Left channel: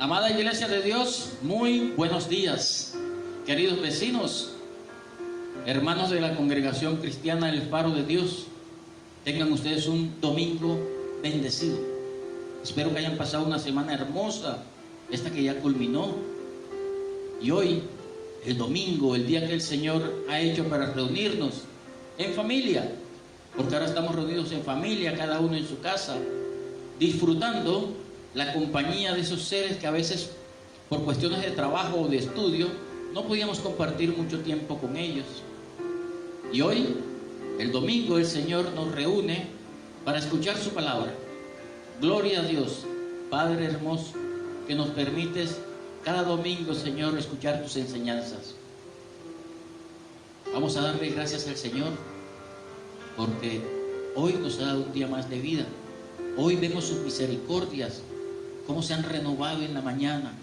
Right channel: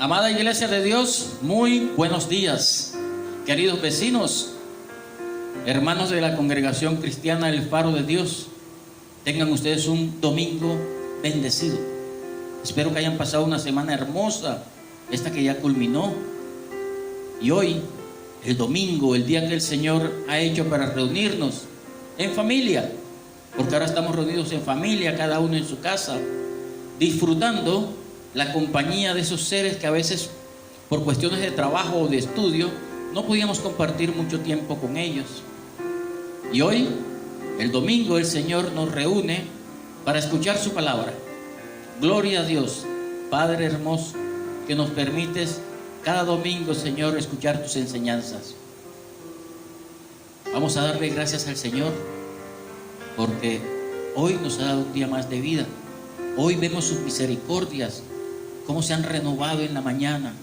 Amada Iglesia de Dios, muy buenos días, queridos vecinos, hermanos de la congregación cristiana El Faro de Dios. Tengan ustedes un domingo bendecido. Espero que hayan pasado una semana hermosa, esta que ya culminó. Y hoy, el domingo, el día que el Señor ha hecho para reunirnos en familia, porque ahora estamos reunidos en familia, cada uno en su casa, disfrutando la compañía de esos seres que a veces por cuestiones de trabajo o de estudio no podíamos compartir mucho tiempo con ellos. Y hoy, el domingo, el Señor nos reúne para escuchar su palabra. Gloria a Dios, Padre hermoso, que nos permites cada domingo, Señor, escuchar tus enseñanzas. Vamos a darle gracias al Señor porque hoy nos ha dado un día más de vida. Hoy vemos sus misericordias, cómo se han renovado en la mañana,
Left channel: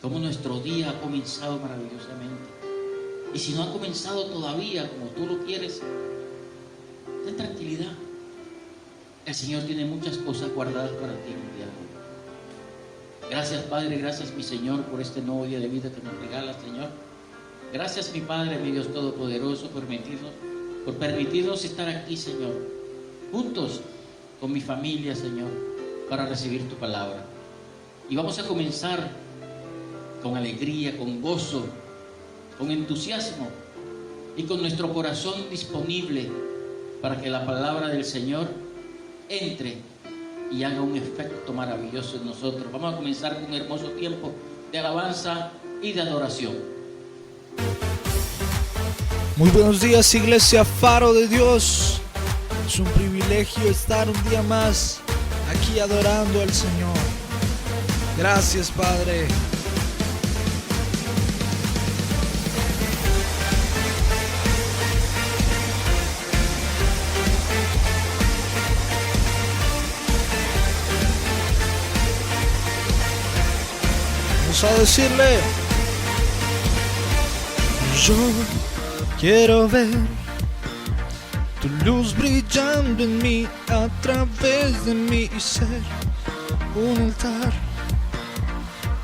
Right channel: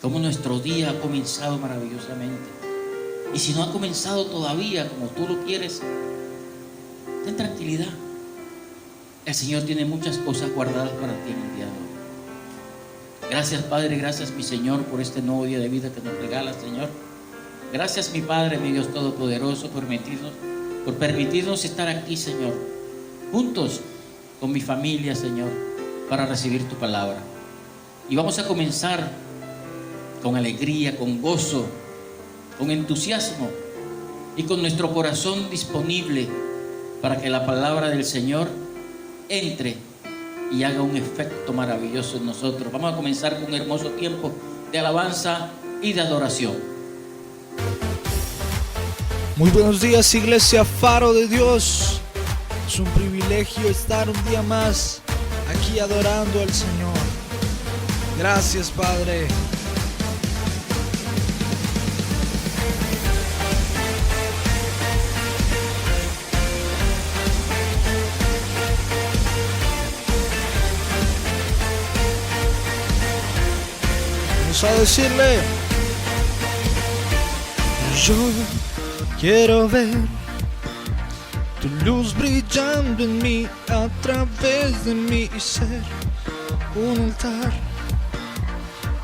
cómo nuestro día ha comenzado maravillosamente. Y si no ha comenzado todavía como tú lo quieres, ten tranquilidad. El Señor tiene muchas cosas guardadas para ti en el día de hoy. Gracias, Padre, gracias, mi Señor, por este nuevo día de vida que nos regalas, Señor. Gracias, mi Padre, mi Dios Todopoderoso, por permitirnos estar aquí, Señor, juntos con mi familia, Señor, para recibir tu palabra. Y vamos a comenzar con alegría, con gozo, con entusiasmo y con nuestro corazón disponible para que la palabra del Señor entre y haga un efecto maravilloso en nosotros. Vamos a comenzar con un hermoso tiempo de alabanza y de adoración. Muy buenos días, Iglesia Faro de Dios. Es un privilegio estar un día más aquí adorando al Señor. Gracias, Padre. Vamos a decirle: yo quiero ver tu luz brillando en mí, a través de mí, y ser un altar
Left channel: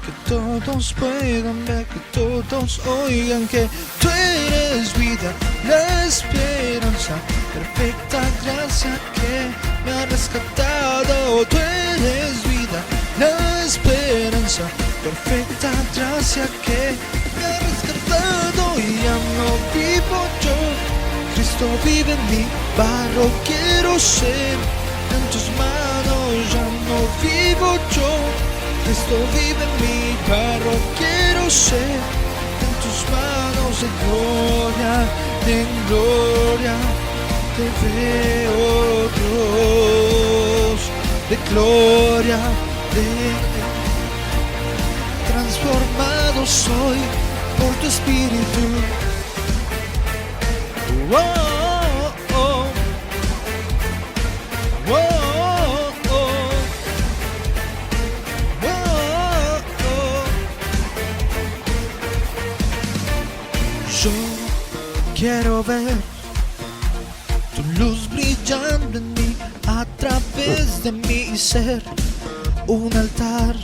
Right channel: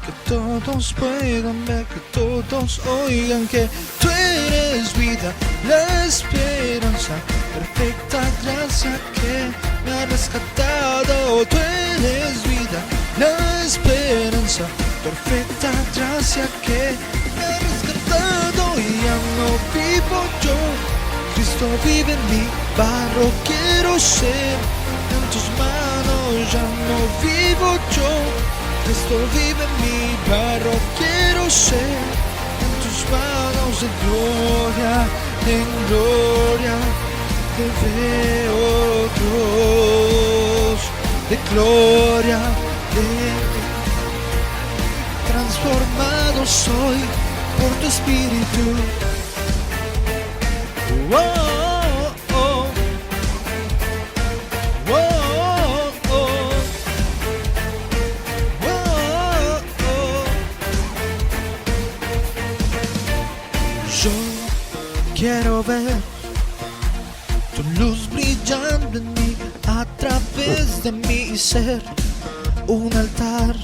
que todos puedan ver, que todos oigan que tú eres vida, la esperanza, perfecta gracia que me ha rescatado. Tú eres vida, la esperanza, perfecta gracia que me ha rescatado. Y ya no vivo yo, Cristo vive en mí, barro quiero ser en tus manos. Ya no vivo yo, Cristo vive en mí, barro quiero ser en tus manos. De gloria en gloria te veo, Dios, de gloria, transformado soy por tu espíritu. Oh, oh, oh, oh, oh, oh, oh. Yo quiero ver tu luz brillando en mí, a través de mí, y ser un altar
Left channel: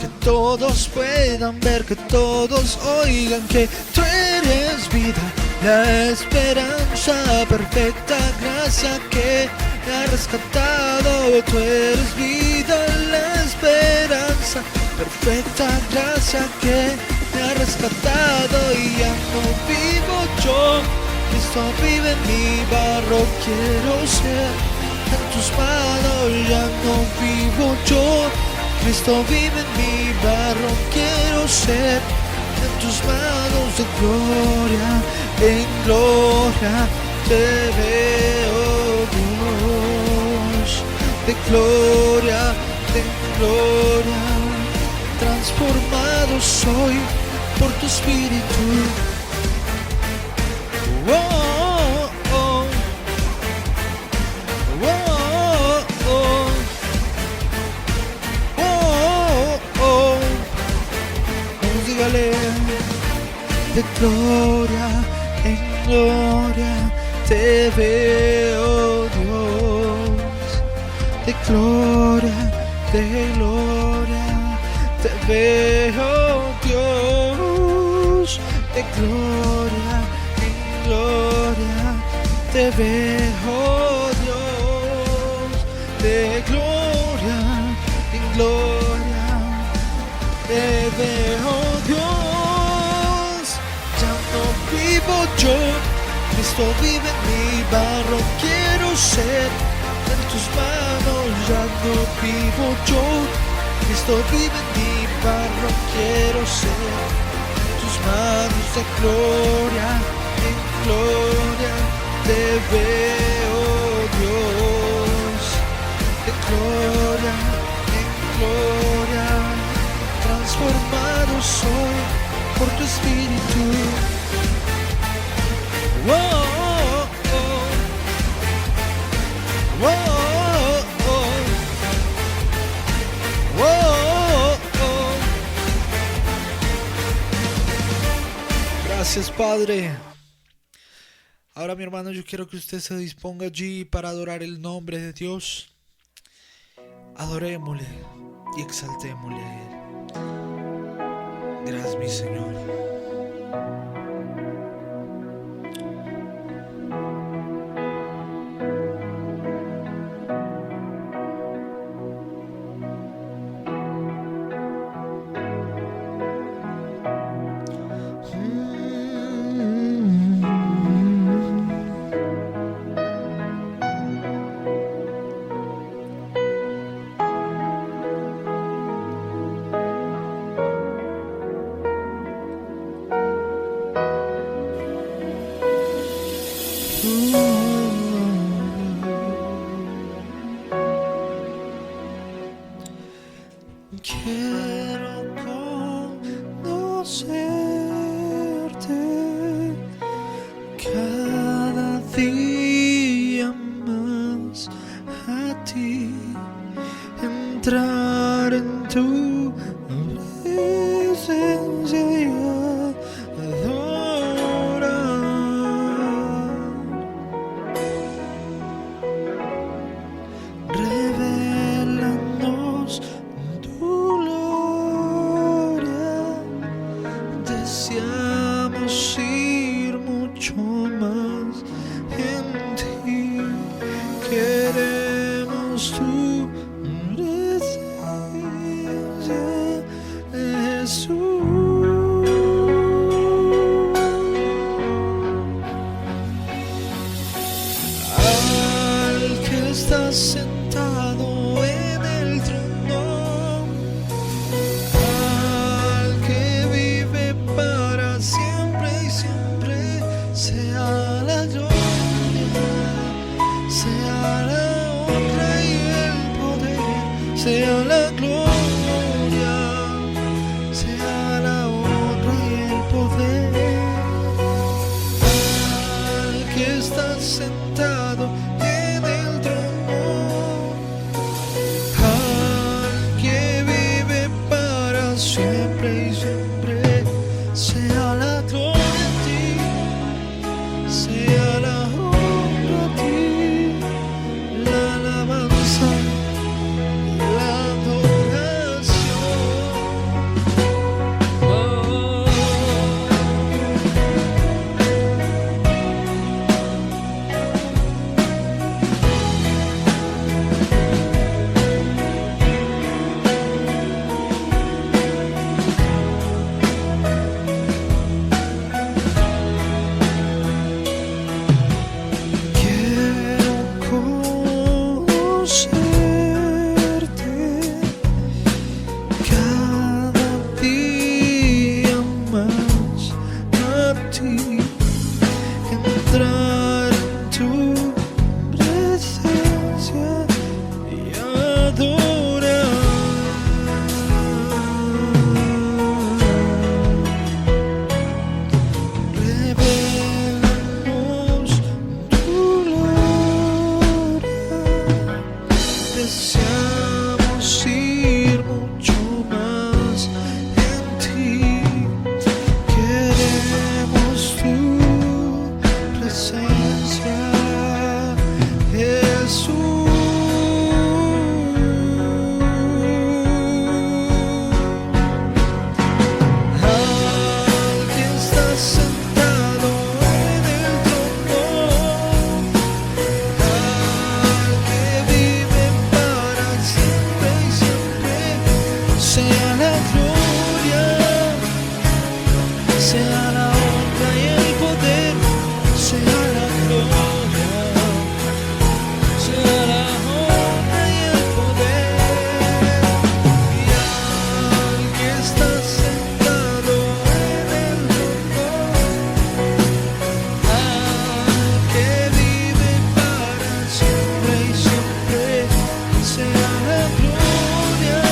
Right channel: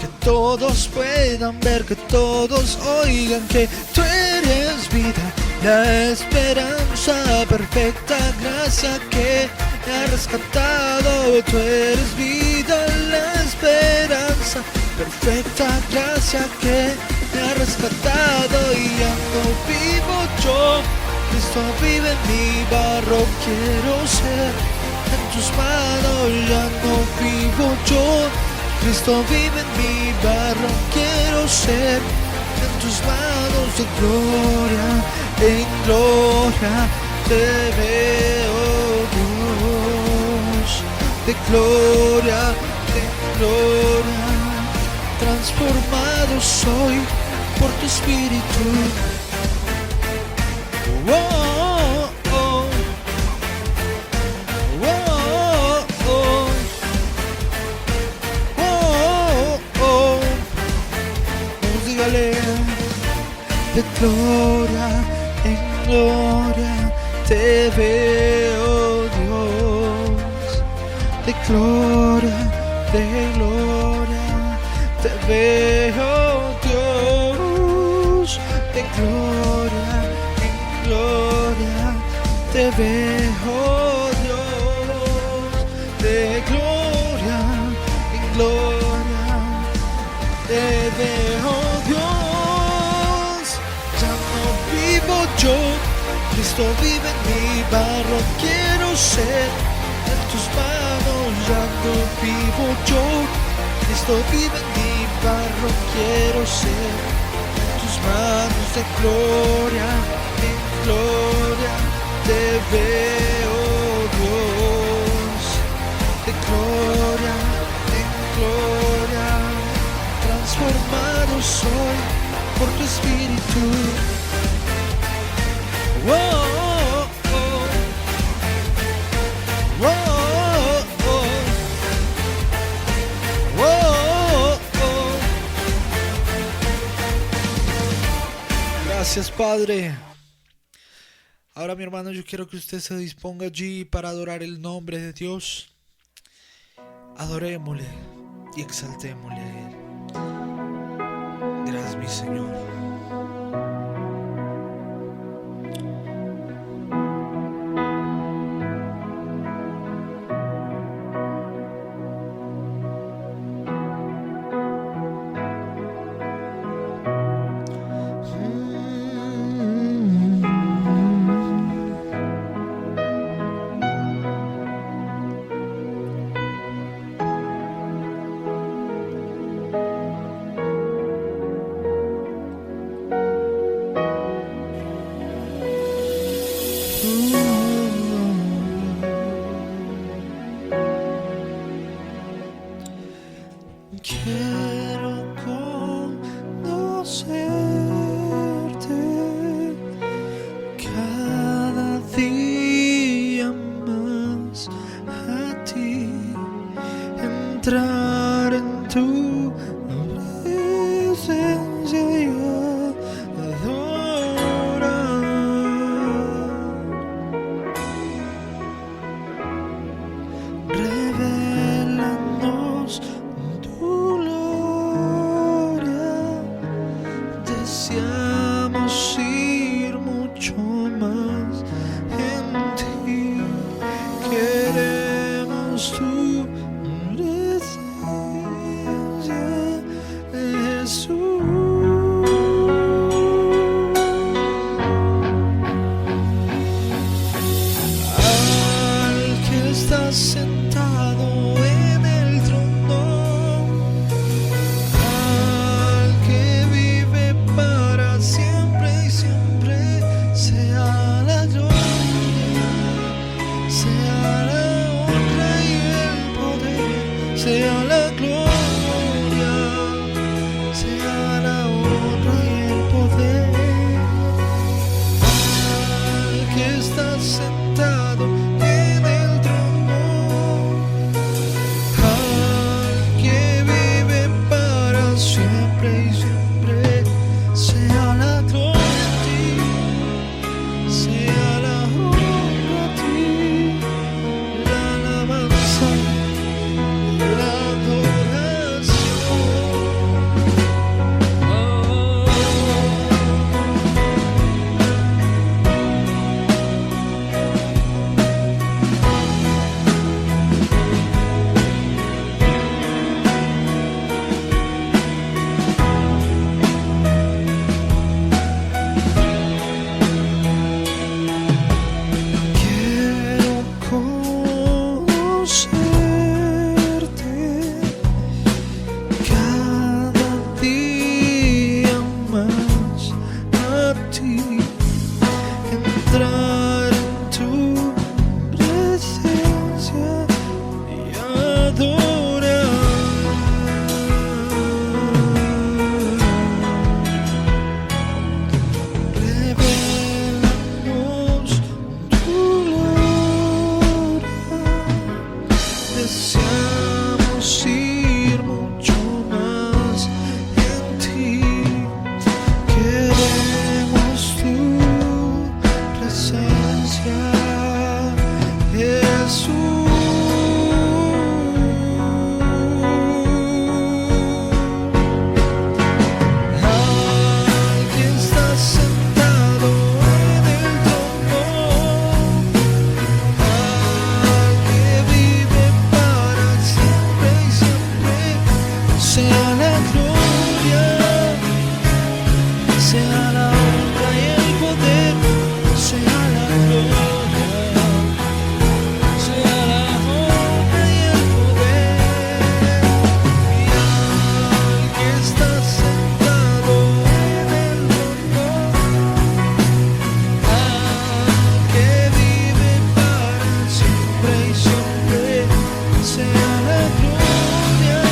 que todos puedan ver, que todos oigan que tú eres vida, la esperanza, perfecta gracia que me ha rescatado. Tú eres vida, la esperanza, perfecta gracia que me ha rescatado. Y ya no vivo yo, Cristo vive en mí, barro quiero ser en tus manos. Ya no vivo yo, Cristo vive en mí, barro quiero ser en tus manos. De gloria en gloria te veo, Dios, de gloria en gloria, transformado soy por tu espíritu. Oh, oh, oh, oh, oh. Oh, oh, vamos, dígale: de gloria en gloria te veo, Dios, de gloria te veo, Dios, de gloria en gloria, te veo, Dios, de gloria en gloria, te veo, Dios. Ya no vivo yo, Cristo vive en mi barro, quiero ser en tus manos. Ya no vivo yo, Cristo vive en mi barro, quiero ser en tus manos. De gloria en gloria te veo, Dios, de gloria en gloria, transformado soy por tu espíritu. Oh, oh, oh. Oh, oh, oh. Oh, oh. Gracias, Padre. Ahora, mi hermano, yo quiero que usted se disponga allí para adorar el nombre de Dios. Adorémosle y exaltémosle a Él. Gracias, mi Señor. Quiero conocerte cada día más a ti, entrar en tu presencia y adorar. Revélanos tu gloria, deseamos ir mucho más en ti, queremos tu presencia, Jesús. Al que está sentado en el trono, al que vive para siempre y siempre, sea la gloria, sea la honra y el poder, sea la gloria, sea sea la gloria, sea la honra y el poder, sea la gloria, sea la honra y el poder. Y al que está sentado en el trono, al que vive para siempre y siempre, sea la gloria,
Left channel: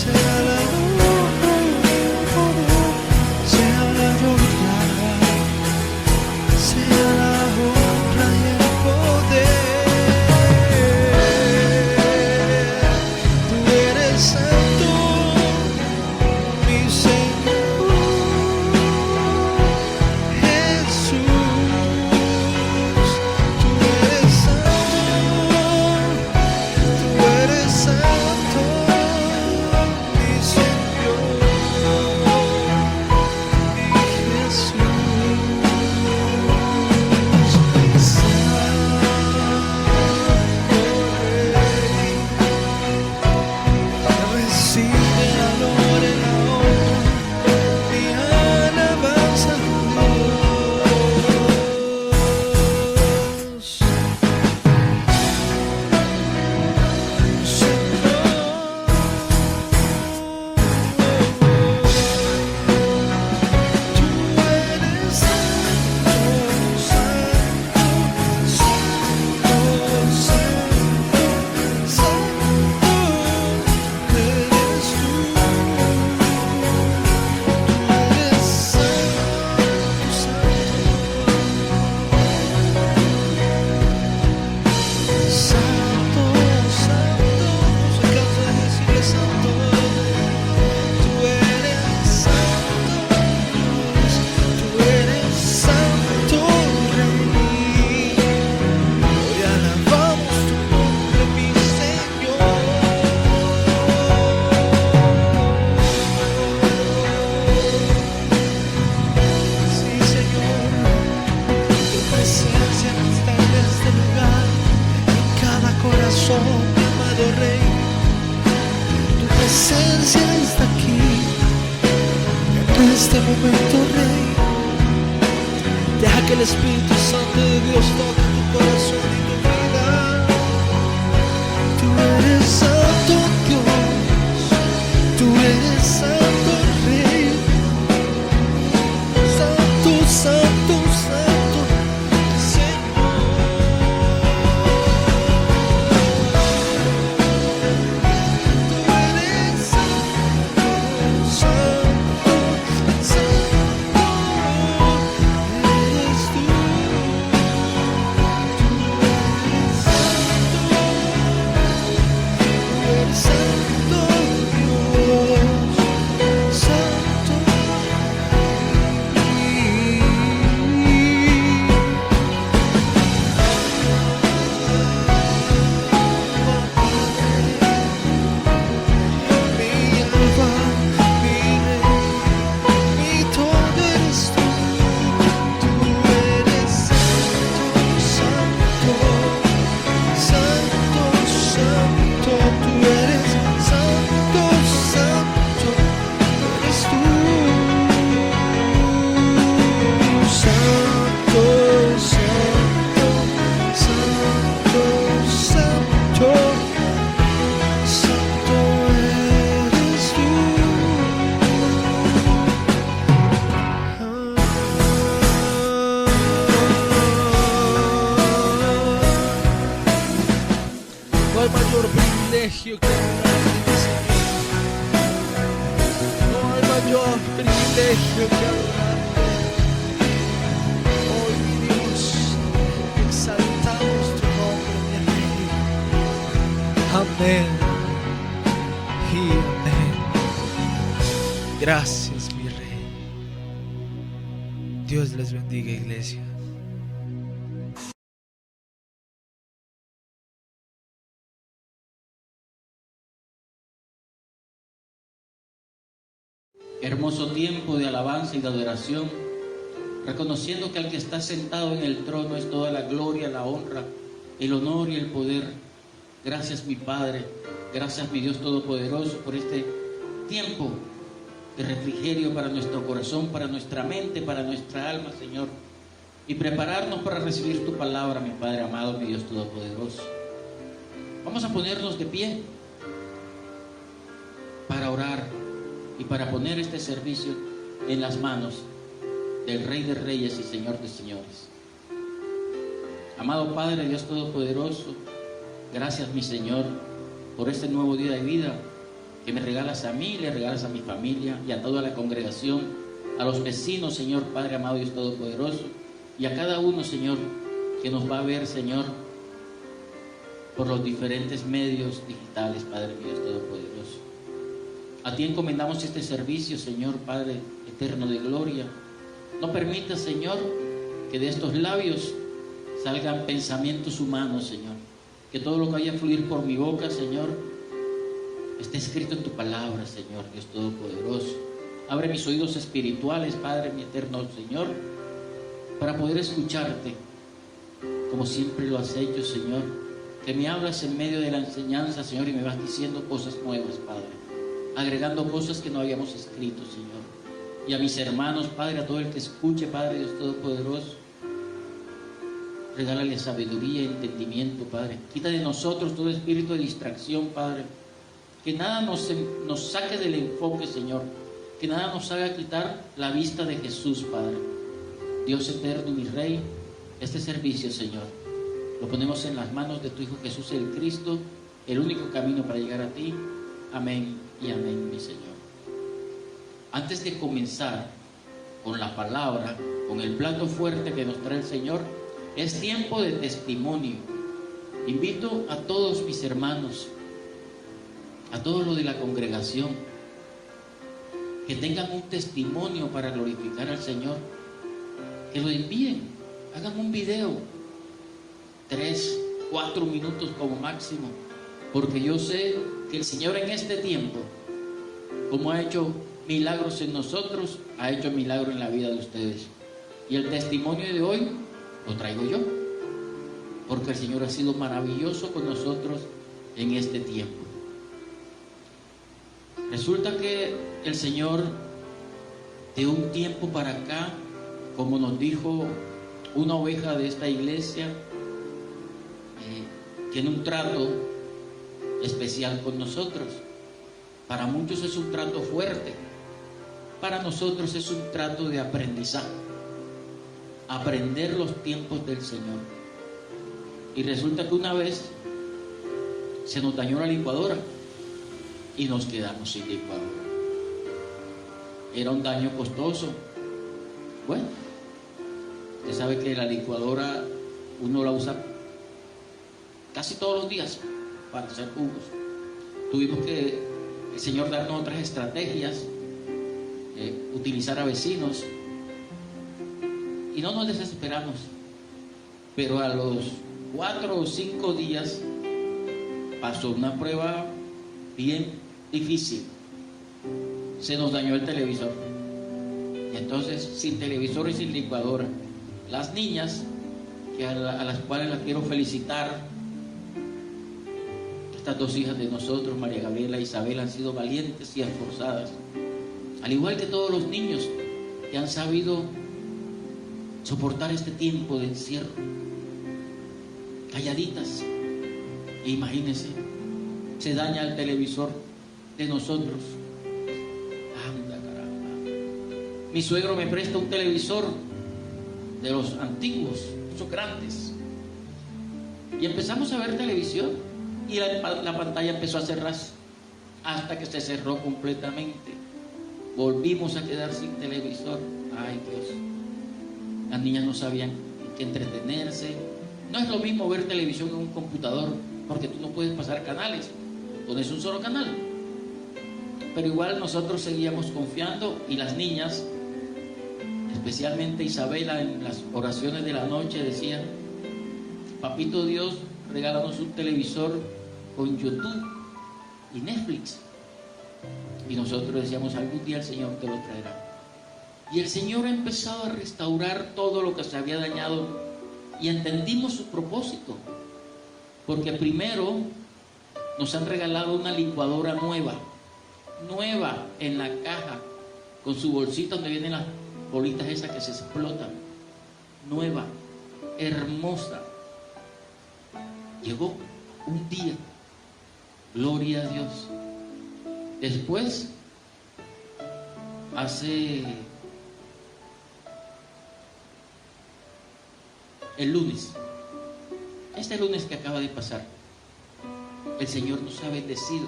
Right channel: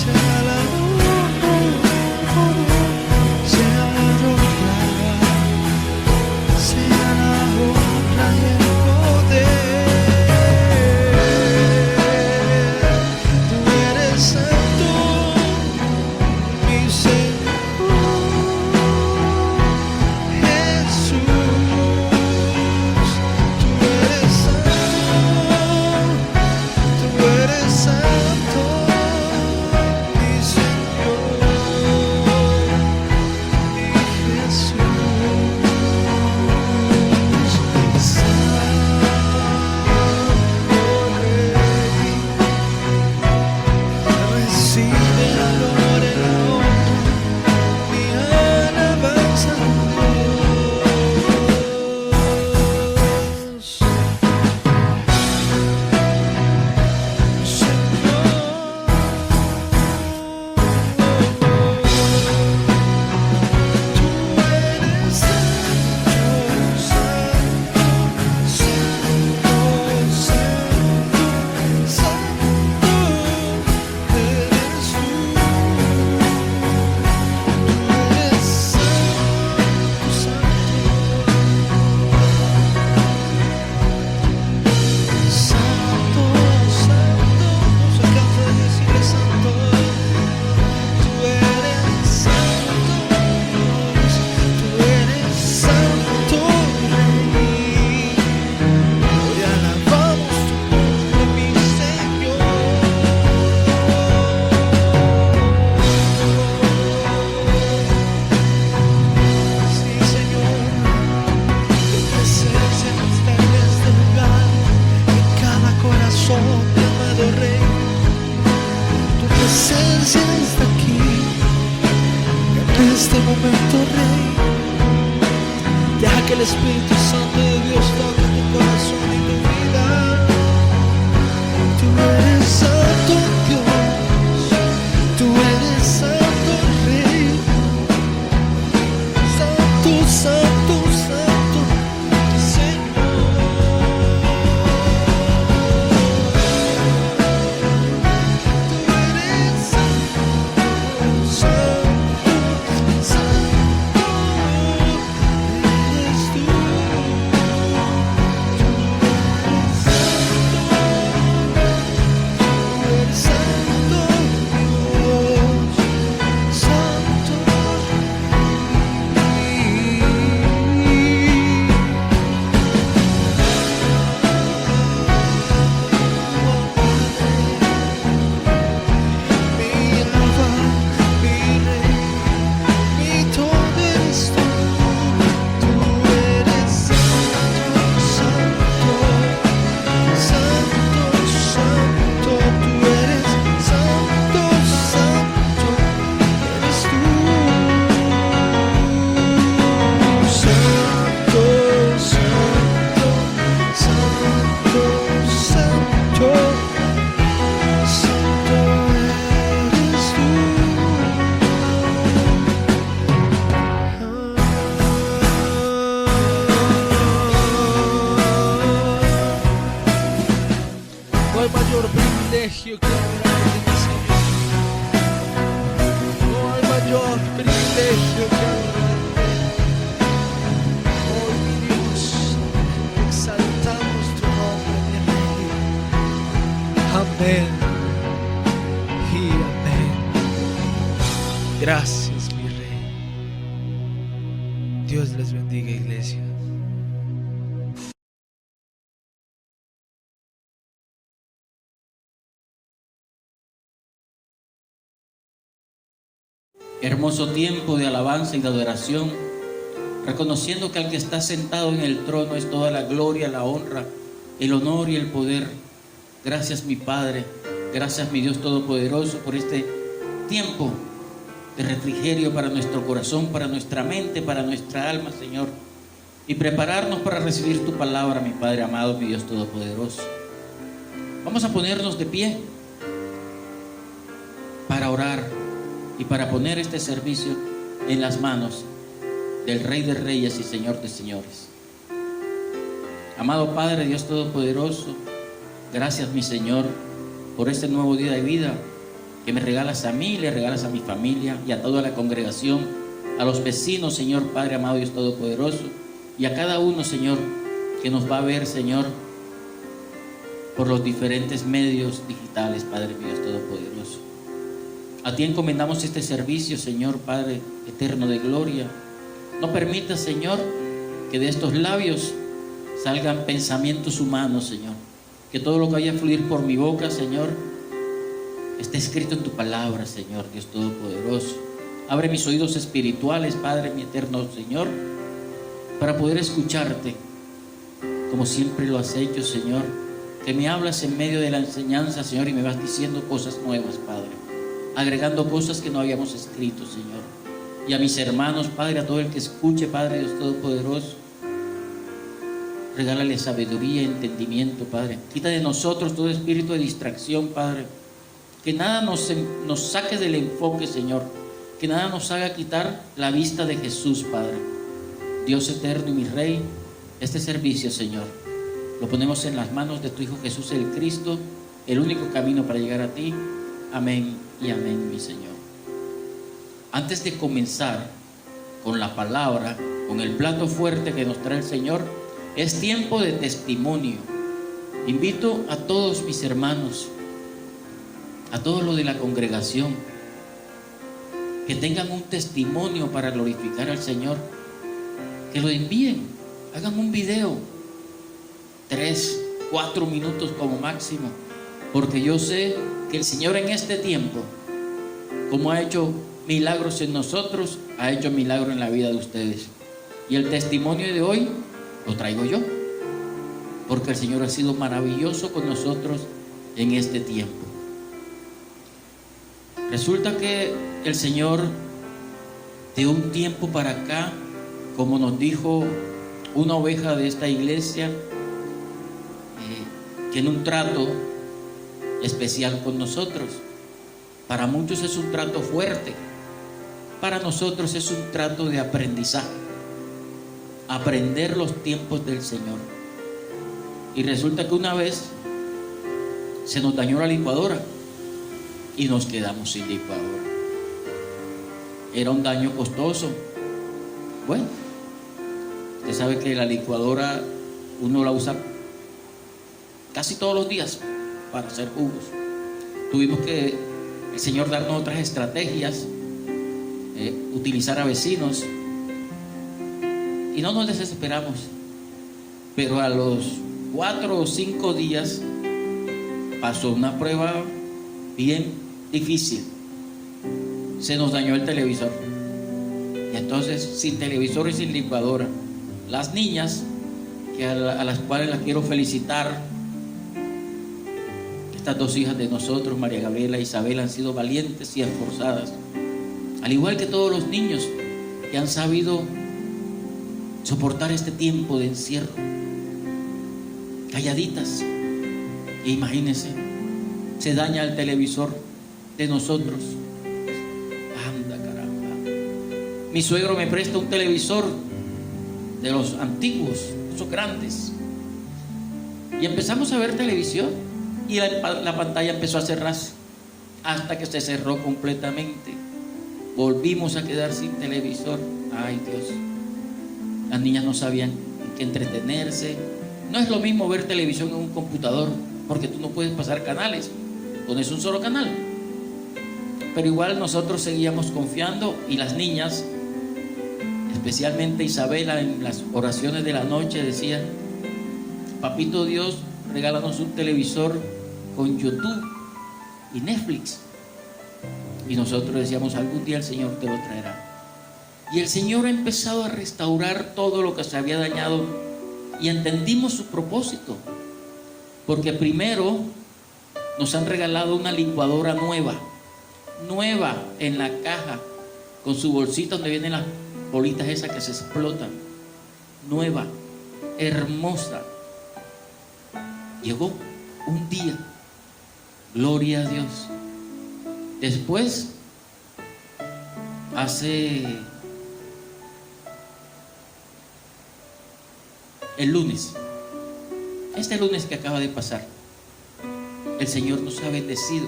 sea la honra y el poder, sea la gloria, sea la honra y el poder. Tú eres santo, mi Señor Jesús. Tú eres santo, mi Señor, mi Jesús. Santo Rey, recibe la gloria y la honra, mi alabanza, Dios. Santo, santo, no se cansa de decirle santo. Tú eres santo, Dios. Tú eres santo, Rey. Hoy alabamos tu nombre, mi Señor. Sí, Señor, tu presencia está en este lugar, en cada corazón, mi amado Rey. Tu presencia está aquí, en este momento, Rey. Deja que el Espíritu Santo de Dios toque tu corazón y tu vida. Tú eres santo, Dios. Tú eres santo, Rey. Santo, santo, santo, Señor. Tú eres santo, santo, santo, eres tú. Tú eres santo, Dios, santo mi alfa, mi Rey, mi todo eres tú. Tú eres santo, santo, santo, santo. Tú eres santo, santo, eres tú. Santo, santo, santo, santo, santo eres tú. No hay mayor privilegio que adorarte, mi Señor. No hay mayor privilegio que adorarte. Hoy, mi Dios, exaltamos tu nombre, mi Rey. Amén y amén. Gracias, mi Rey. Dios les bendiga, iglesia. Hermoso tiempo de alabanza y de adoración, reconociendo que al que está sentado en el trono es toda la gloria, la honra, el honor y el poder. Gracias, mi Padre. Gracias, mi Dios Todopoderoso, por este tiempo de refrigerio para nuestro corazón, para nuestra mente, para nuestra alma, Señor. Y prepararnos para recibir tu palabra, mi Padre amado, mi Dios Todopoderoso. Vamos a ponernos de pie para orar y para poner este servicio en las manos del Rey de Reyes y Señor de Señores. Amado Padre, Dios Todopoderoso, gracias, mi Señor, por este nuevo día de vida que me regalas a mí, le regalas a mi familia y a toda la congregación, a los vecinos, Señor Padre amado, Dios Todopoderoso, y a cada uno, Señor, que nos va a ver, Señor, por los diferentes medios digitales, Padre mío, Dios Todopoderoso. A ti encomendamos este servicio, Señor Padre eterno de gloria. No permitas, Señor, que de estos labios salgan pensamientos humanos, Señor. Que todo lo que vaya a fluir por mi boca, Señor, esté escrito en tu palabra, Señor, Dios Todopoderoso. Abre mis oídos espirituales, Padre, mi eterno Señor, para poder escucharte, como siempre lo has hecho, Señor. Que me hablas en medio de la enseñanza, Señor, y me vas diciendo cosas nuevas, Padre. Agregando cosas que no habíamos escrito, Señor. Y a mis hermanos, Padre, a todo el que escuche, Padre, Dios Todopoderoso, regálale sabiduría y entendimiento, Padre. Quita de nosotros todo espíritu de distracción, Padre. Que nada nos saque del enfoque, Señor. Que nada nos haga quitar la vista de Jesús, Padre. Dios eterno y mi Rey, este servicio, Señor, lo ponemos en las manos de tu Hijo Jesús el Cristo, el único camino para llegar a ti. Amén y amén, mi Señor. Antes de comenzar con la palabra, con el plato fuerte que nos trae el Señor, es tiempo de testimonio. Invito a todos mis hermanos, a todos los de la congregación, que tengan un testimonio para glorificar al Señor, que lo envíen, hagan un video, 3, 4 minutos como máximo, porque yo sé que el Señor en este tiempo, como ha hecho milagros en nosotros, ha hecho milagros en la vida de ustedes. Y el testimonio de hoy lo traigo yo, porque el Señor ha sido maravilloso con nosotros en este tiempo. Resulta que el Señor, de un tiempo para acá, como nos dijo una oveja de esta iglesia, tiene un trato especial con nosotros. Para muchos es un trato fuerte, para nosotros es un trato de aprendizaje, aprender los tiempos del Señor. Y resulta que una vez se nos dañó la licuadora y nos quedamos sin licuadora. Era un daño costoso. Bueno, usted sabe que la licuadora uno la usa casi todos los días para hacer jugos. Tuvimos que el Señor darnos otras estrategias, utilizar a vecinos, y no nos desesperamos. Pero a los 4 o 5 días pasó una prueba bien difícil. Se nos dañó el televisor, y entonces sin televisor y sin licuadora, las niñas, que a las cuales las quiero felicitar, estas 2 hijas de nosotros, María Gabriela e Isabel, han sido valientes y esforzadas, al igual que todos los niños que han sabido soportar este tiempo de encierro, calladitas. E imagínense, se daña el televisor de nosotros. Anda, caramba. Mi suegro me presta un televisor de los antiguos, esos grandes, y empezamos a ver televisión, y la pantalla empezó a cerrarse hasta que se cerró completamente. Volvimos a quedar sin televisor. Ay, Dios. Las niñas no sabían en qué entretenerse. No es lo mismo ver televisión en un computador, porque tú no puedes pasar canales, pones un solo canal. Pero igual nosotros seguíamos confiando, y las niñas, especialmente Isabela, en las oraciones de la noche decía: Papito Dios, regálanos un televisor con YouTube y Netflix. Y nosotros decíamos: algún día el Señor te lo traerá. Y el Señor ha empezado a restaurar todo lo que se había dañado, y entendimos su propósito. Porque primero Nos han regalado una licuadora nueva en la caja, con su bolsita donde vienen las bolitas esas que se explotan. Nueva, hermosa. Llegó un día, gloria a Dios. Después, el lunes, este lunes que acaba de pasar, el Señor nos ha bendecido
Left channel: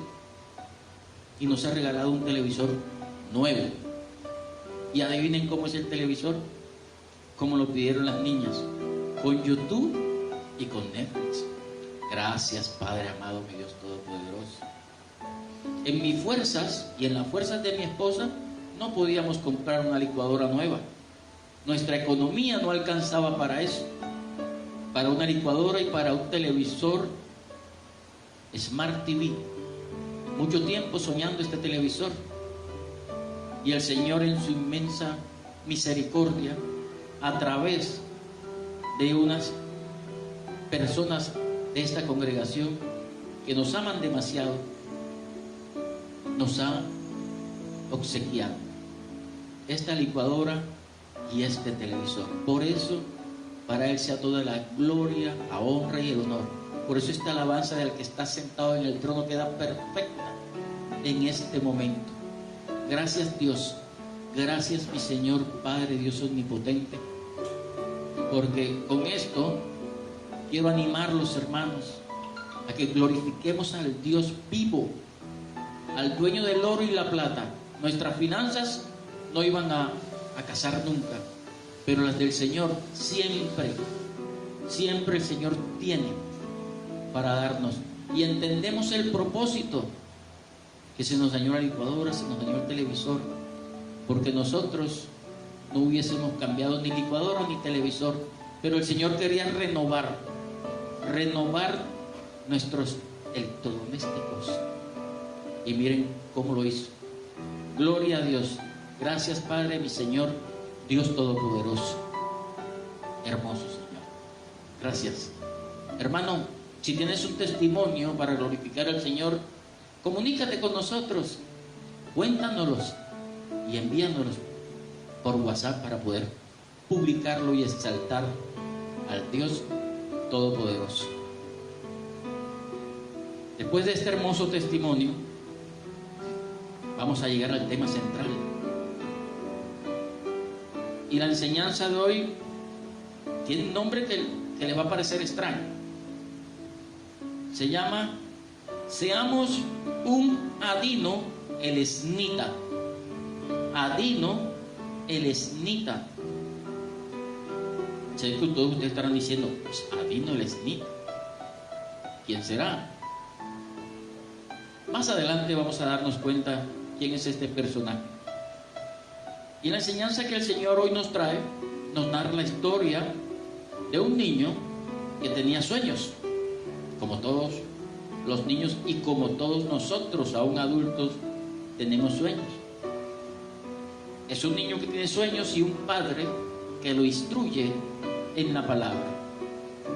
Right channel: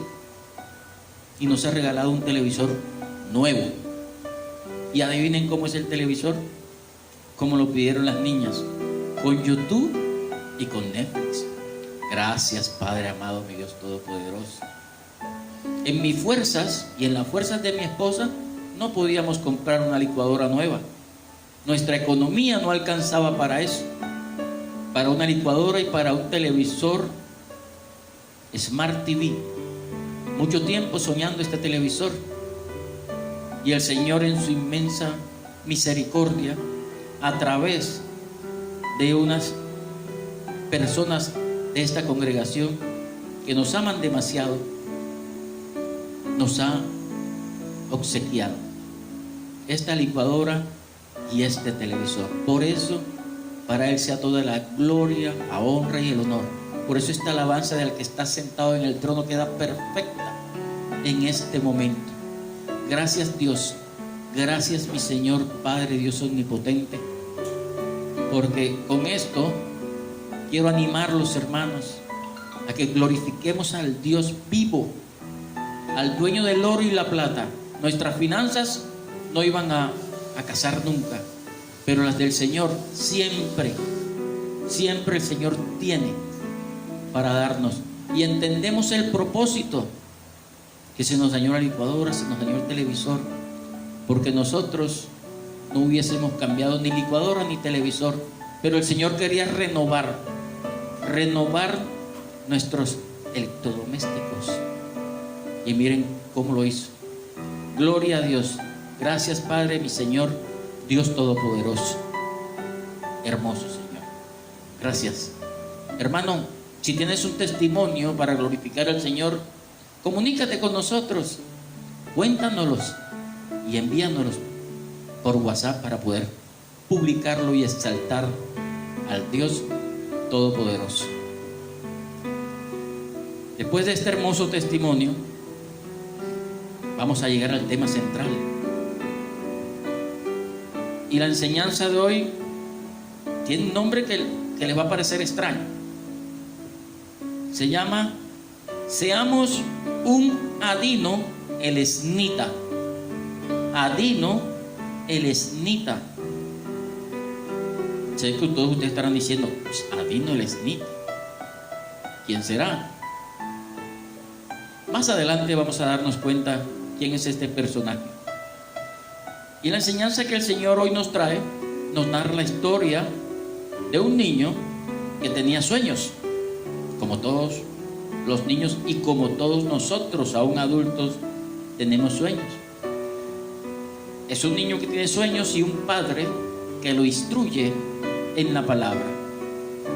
y nos ha regalado un televisor nuevo. Y adivinen cómo es el televisor, como lo pidieron las niñas, con YouTube y con Netflix. Gracias, Padre amado, mi Dios todopoderoso. En mis fuerzas y en las fuerzas de mi esposa no podíamos comprar una licuadora nueva. Nuestra economía no alcanzaba para eso, para una licuadora y para un televisor Smart TV. Mucho tiempo soñando este televisor, y el Señor, en su inmensa misericordia, a través de unas personas de esta congregación que nos aman demasiado, nos ha obsequiado esta licuadora y este televisor. Por eso, para Él sea toda la gloria, la honra y el honor. Por eso esta alabanza del que está sentado en el trono queda perfecta en este momento. Gracias, Dios. Gracias, mi Señor Padre Dios omnipotente, porque con esto quiero animar a los hermanos a que glorifiquemos al Dios vivo, al dueño del oro y la plata. Nuestras finanzas no iban a casar nunca, pero las del Señor siempre el Señor tiene para darnos. Y entendemos el propósito, que se nos dañó la licuadora, se nos dañó el televisor, porque nosotros no hubiésemos cambiado ni licuadora ni televisor, pero el Señor quería renovar nuestros electrodomésticos, y miren cómo lo hizo. Gloria a Dios. Gracias, Padre, mi Señor Dios todopoderoso. Hermoso Señor, gracias. Hermano, si tienes un testimonio para glorificar al Señor, comunícate con nosotros, cuéntanoslos y envíanoslos por WhatsApp para poder publicarlo y exaltar al Dios todopoderoso. Después de este hermoso testimonio, vamos a llegar al tema central. Y la enseñanza de hoy tiene un nombre que les va a parecer extraño. Se llama: seamos un Adino el esnita. Adino el esnita. Sé que todos ustedes estarán diciendo, pues, Adino el esnita, ¿quién será? Más adelante vamos a darnos cuenta quién es este personaje. Y la enseñanza que el Señor hoy nos trae nos narra la historia de un niño que tenía sueños, como todos los niños y como todos nosotros, aún adultos, tenemos sueños. Es un niño que tiene sueños y un padre que lo instruye en la palabra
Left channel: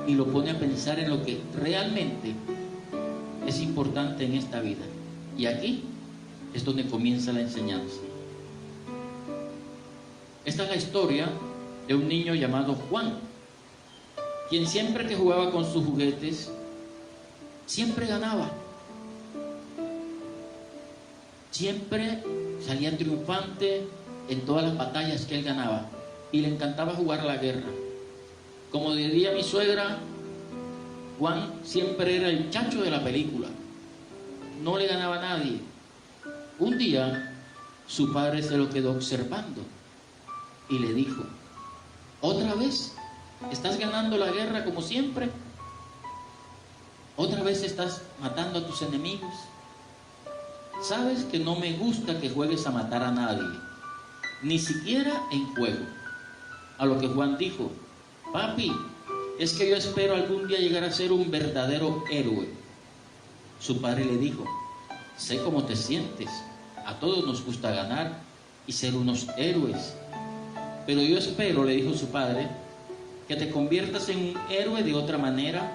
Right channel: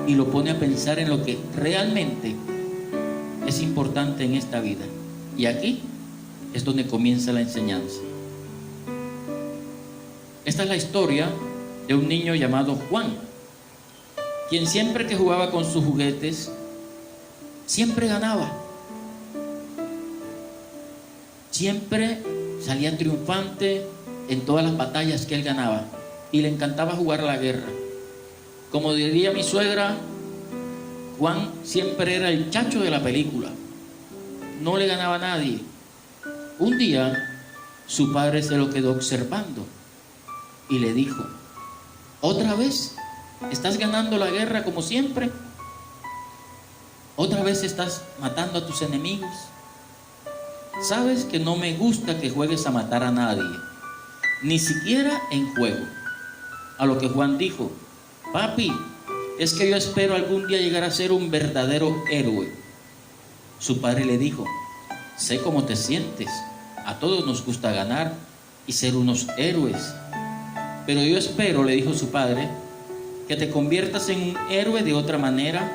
y lo pone a pensar en lo que realmente es importante en esta vida. Y aquí es donde comienza la enseñanza. Esta es la historia de un niño llamado Juan, quien siempre que jugaba con sus juguetes, siempre ganaba. Siempre salía triunfante en todas las batallas que él ganaba, y le encantaba jugar a la guerra. Como diría mi suegra, Juan siempre era el chacho de la película, no le ganaba a nadie. Un día su padre se lo quedó observando y le dijo: ¿otra vez estás ganando la guerra como siempre? ¿Otra vez estás matando a tus enemigos? Sabes que no me gusta que juegues a matar a nadie, ni siquiera en juego. A lo que Juan dijo: papi, es que yo espero algún día llegar a ser un verdadero héroe. Su padre le dijo: sé cómo te sientes, a todos nos gusta ganar y ser unos héroes, pero yo espero, le dijo su padre, que te conviertas en un héroe de otra manera,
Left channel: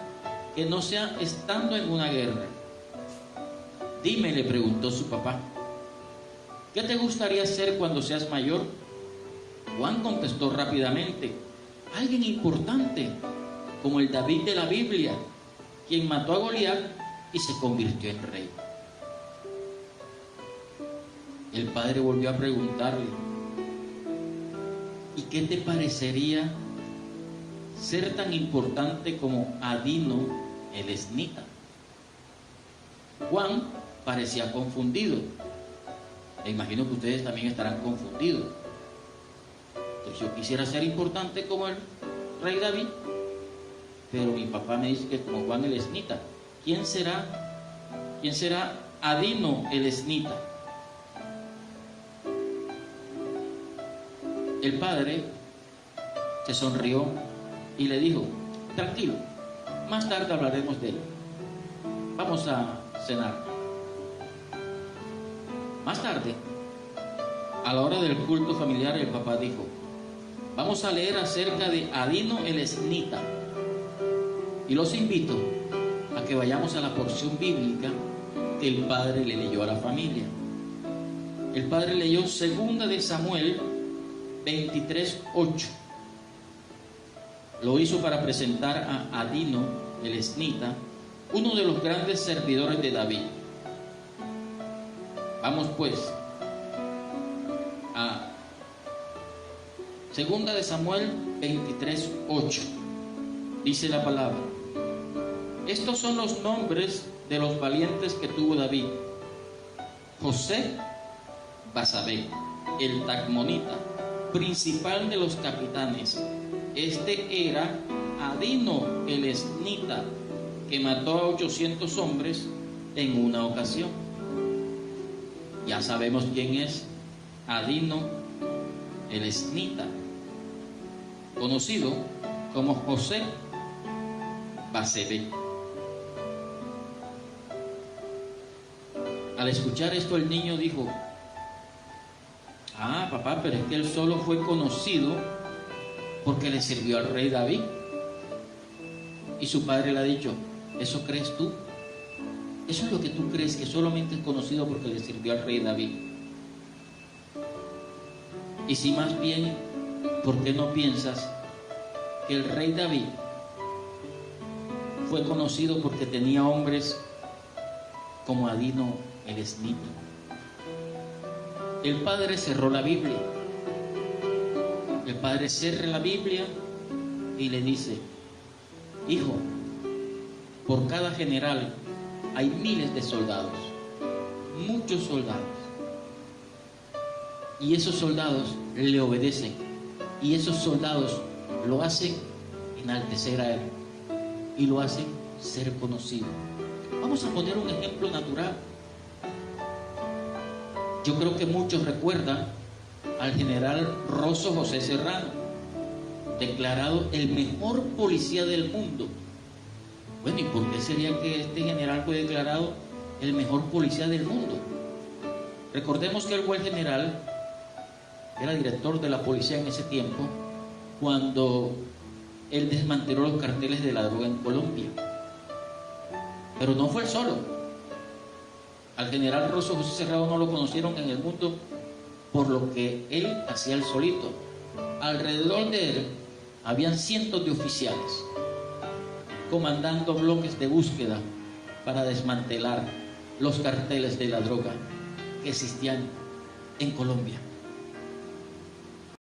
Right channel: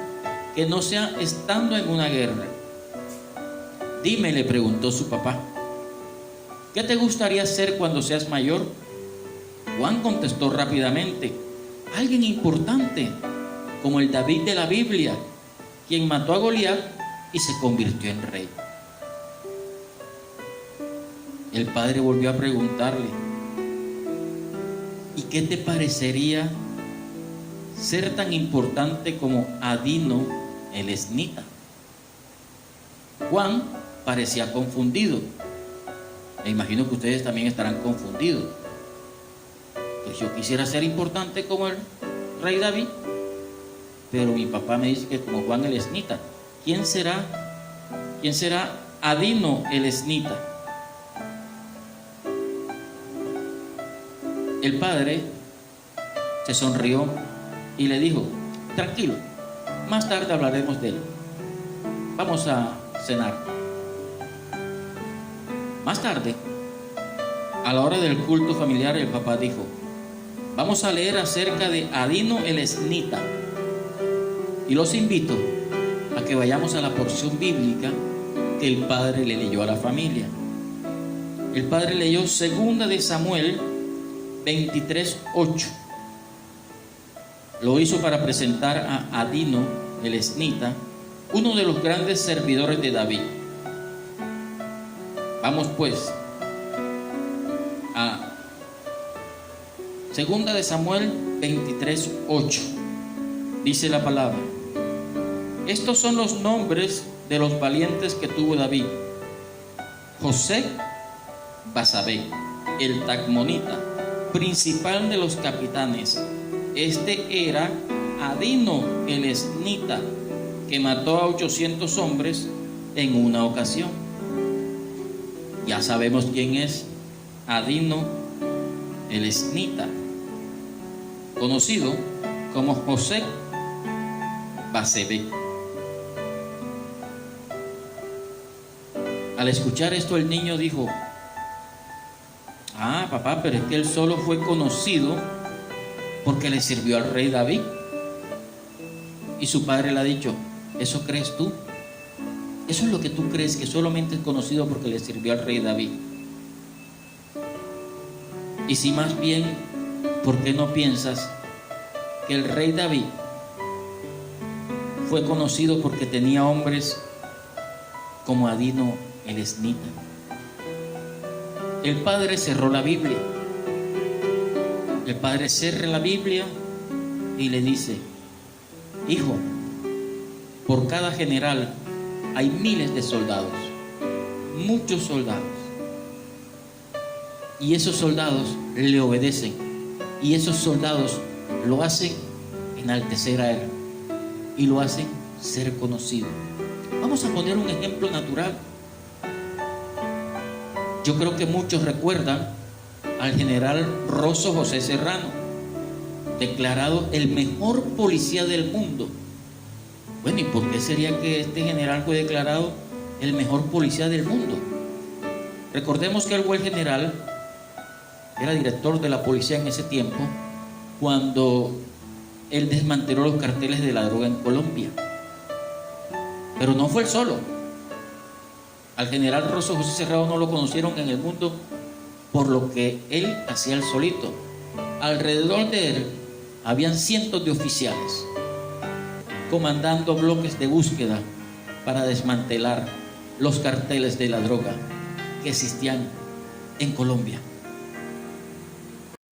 que no sea estando en una guerra. Dime, le preguntó su papá, ¿qué te gustaría ser cuando seas mayor? Juan contestó rápidamente, alguien importante, como el David de la Biblia, quien mató a Goliat y se convirtió en rey. El padre volvió a preguntarle, ¿y qué te parecería ser tan importante como Adino el esnita? Juan parecía confundido. Me imagino que ustedes también estarán confundidos. Pues yo quisiera ser importante como el rey David, pero mi papá me dice que como Juan el esnita. ¿Quién será Adino el esnita? El padre se sonrió y le dijo, tranquilo, más tarde hablaremos de él. Vamos a cenar. Más tarde, a la hora del culto familiar, el papá dijo, vamos a leer acerca de Adino el esnita. Y los invito a que vayamos a la porción bíblica que el padre le leyó a la familia. El padre leyó 2 de Samuel 23:8. Lo hizo para presentar a Adino el esnita, uno de los grandes servidores de David. Vamos pues a 2 de Samuel 23:8. Dice la palabra, estos son los nombres de los valientes que tuvo David: José Basabé, el Tacmonita, principal de los capitanes. Este era Adino el esnita, que mató a 800 hombres en una ocasión. Ya sabemos quién es Adino el esnita, conocido como José Basabé. Al escuchar esto, el niño dijo, papá, pero es que él solo fue conocido porque le sirvió al rey David. Y su padre le ha dicho, ¿eso crees tú? Eso es lo que tú crees, que solamente es conocido porque le sirvió al rey David. Y si más bien, ¿por qué no piensas que el rey David fue conocido porque tenía hombres como Adino el esnita? El padre cerró la Biblia. El padre cierra la Biblia y le dice, hijo, por cada general hay miles de soldados, muchos soldados. Y esos soldados le obedecen. Y esos soldados lo hacen enaltecer a él. Y lo hacen ser conocido. Vamos a poner un ejemplo natural. Yo creo que muchos recuerdan al general Rosso José Serrano, declarado el mejor policía del mundo. Bueno, ¿y por qué sería que este general fue declarado el mejor policía del mundo? Recordemos que él fue el general, era director de la policía en ese tiempo, cuando él desmanteló los carteles de la droga en Colombia. Pero no fue él solo. Al general Rosso José Serrano no lo conocieron en el mundo por lo que él hacía él solito. Alrededor de él habían cientos de oficiales comandando bloques de búsqueda para desmantelar los carteles de la droga que existían en Colombia.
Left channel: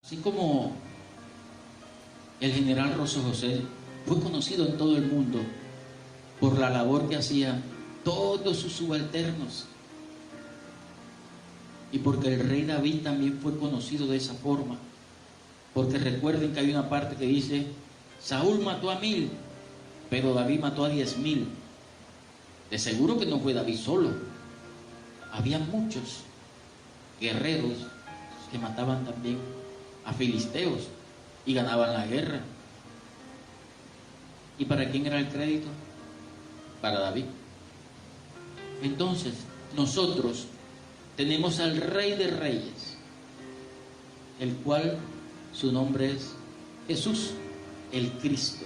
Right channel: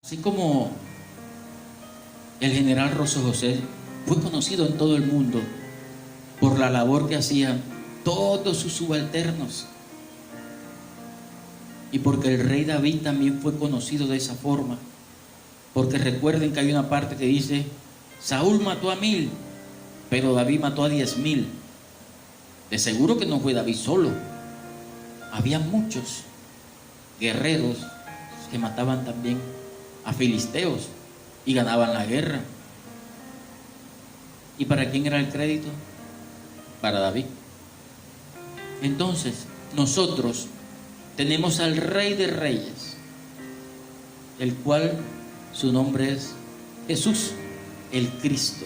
Así como el general Rosso José fue conocido en todo el mundo por la labor que hacían todos sus subalternos, y porque el rey David también fue conocido de esa forma, porque recuerden que hay una parte que dice, Saúl mató a 1000, pero David mató a 10,000. De seguro que no fue David solo, había muchos guerreros que mataban también a filisteos y ganaban la guerra. ¿Y para quién era el crédito? Para David. Entonces, nosotros tenemos al Rey de Reyes, el cual su nombre es Jesús, el Cristo,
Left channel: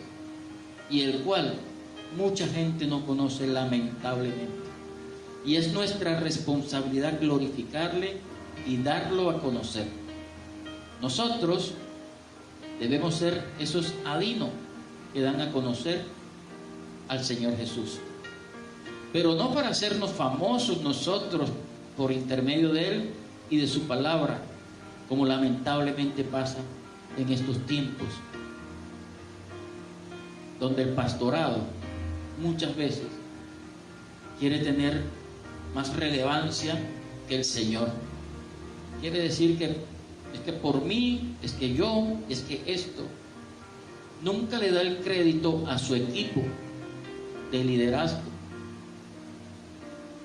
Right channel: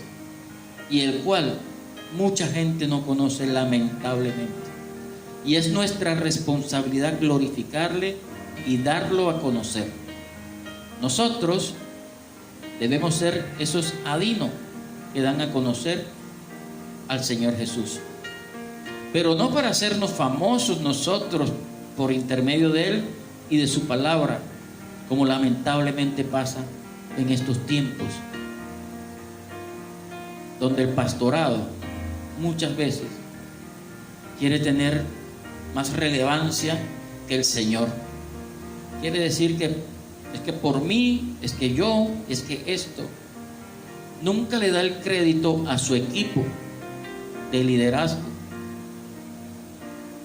y el cual mucha gente no conoce, lamentablemente. y es nuestra responsabilidad glorificarle y darlo a conocer. Nosotros debemos ser esos adinos que dan a conocer al Señor Jesús, pero no para hacernos famosos nosotros por intermedio de Él y de su palabra, como lamentablemente pasa en estos tiempos, donde el pastorado muchas veces quiere tener más relevancia que el Señor. Quiere decir que es que por mí, es que yo, es que esto. Nunca le da el crédito a su equipo de liderazgo.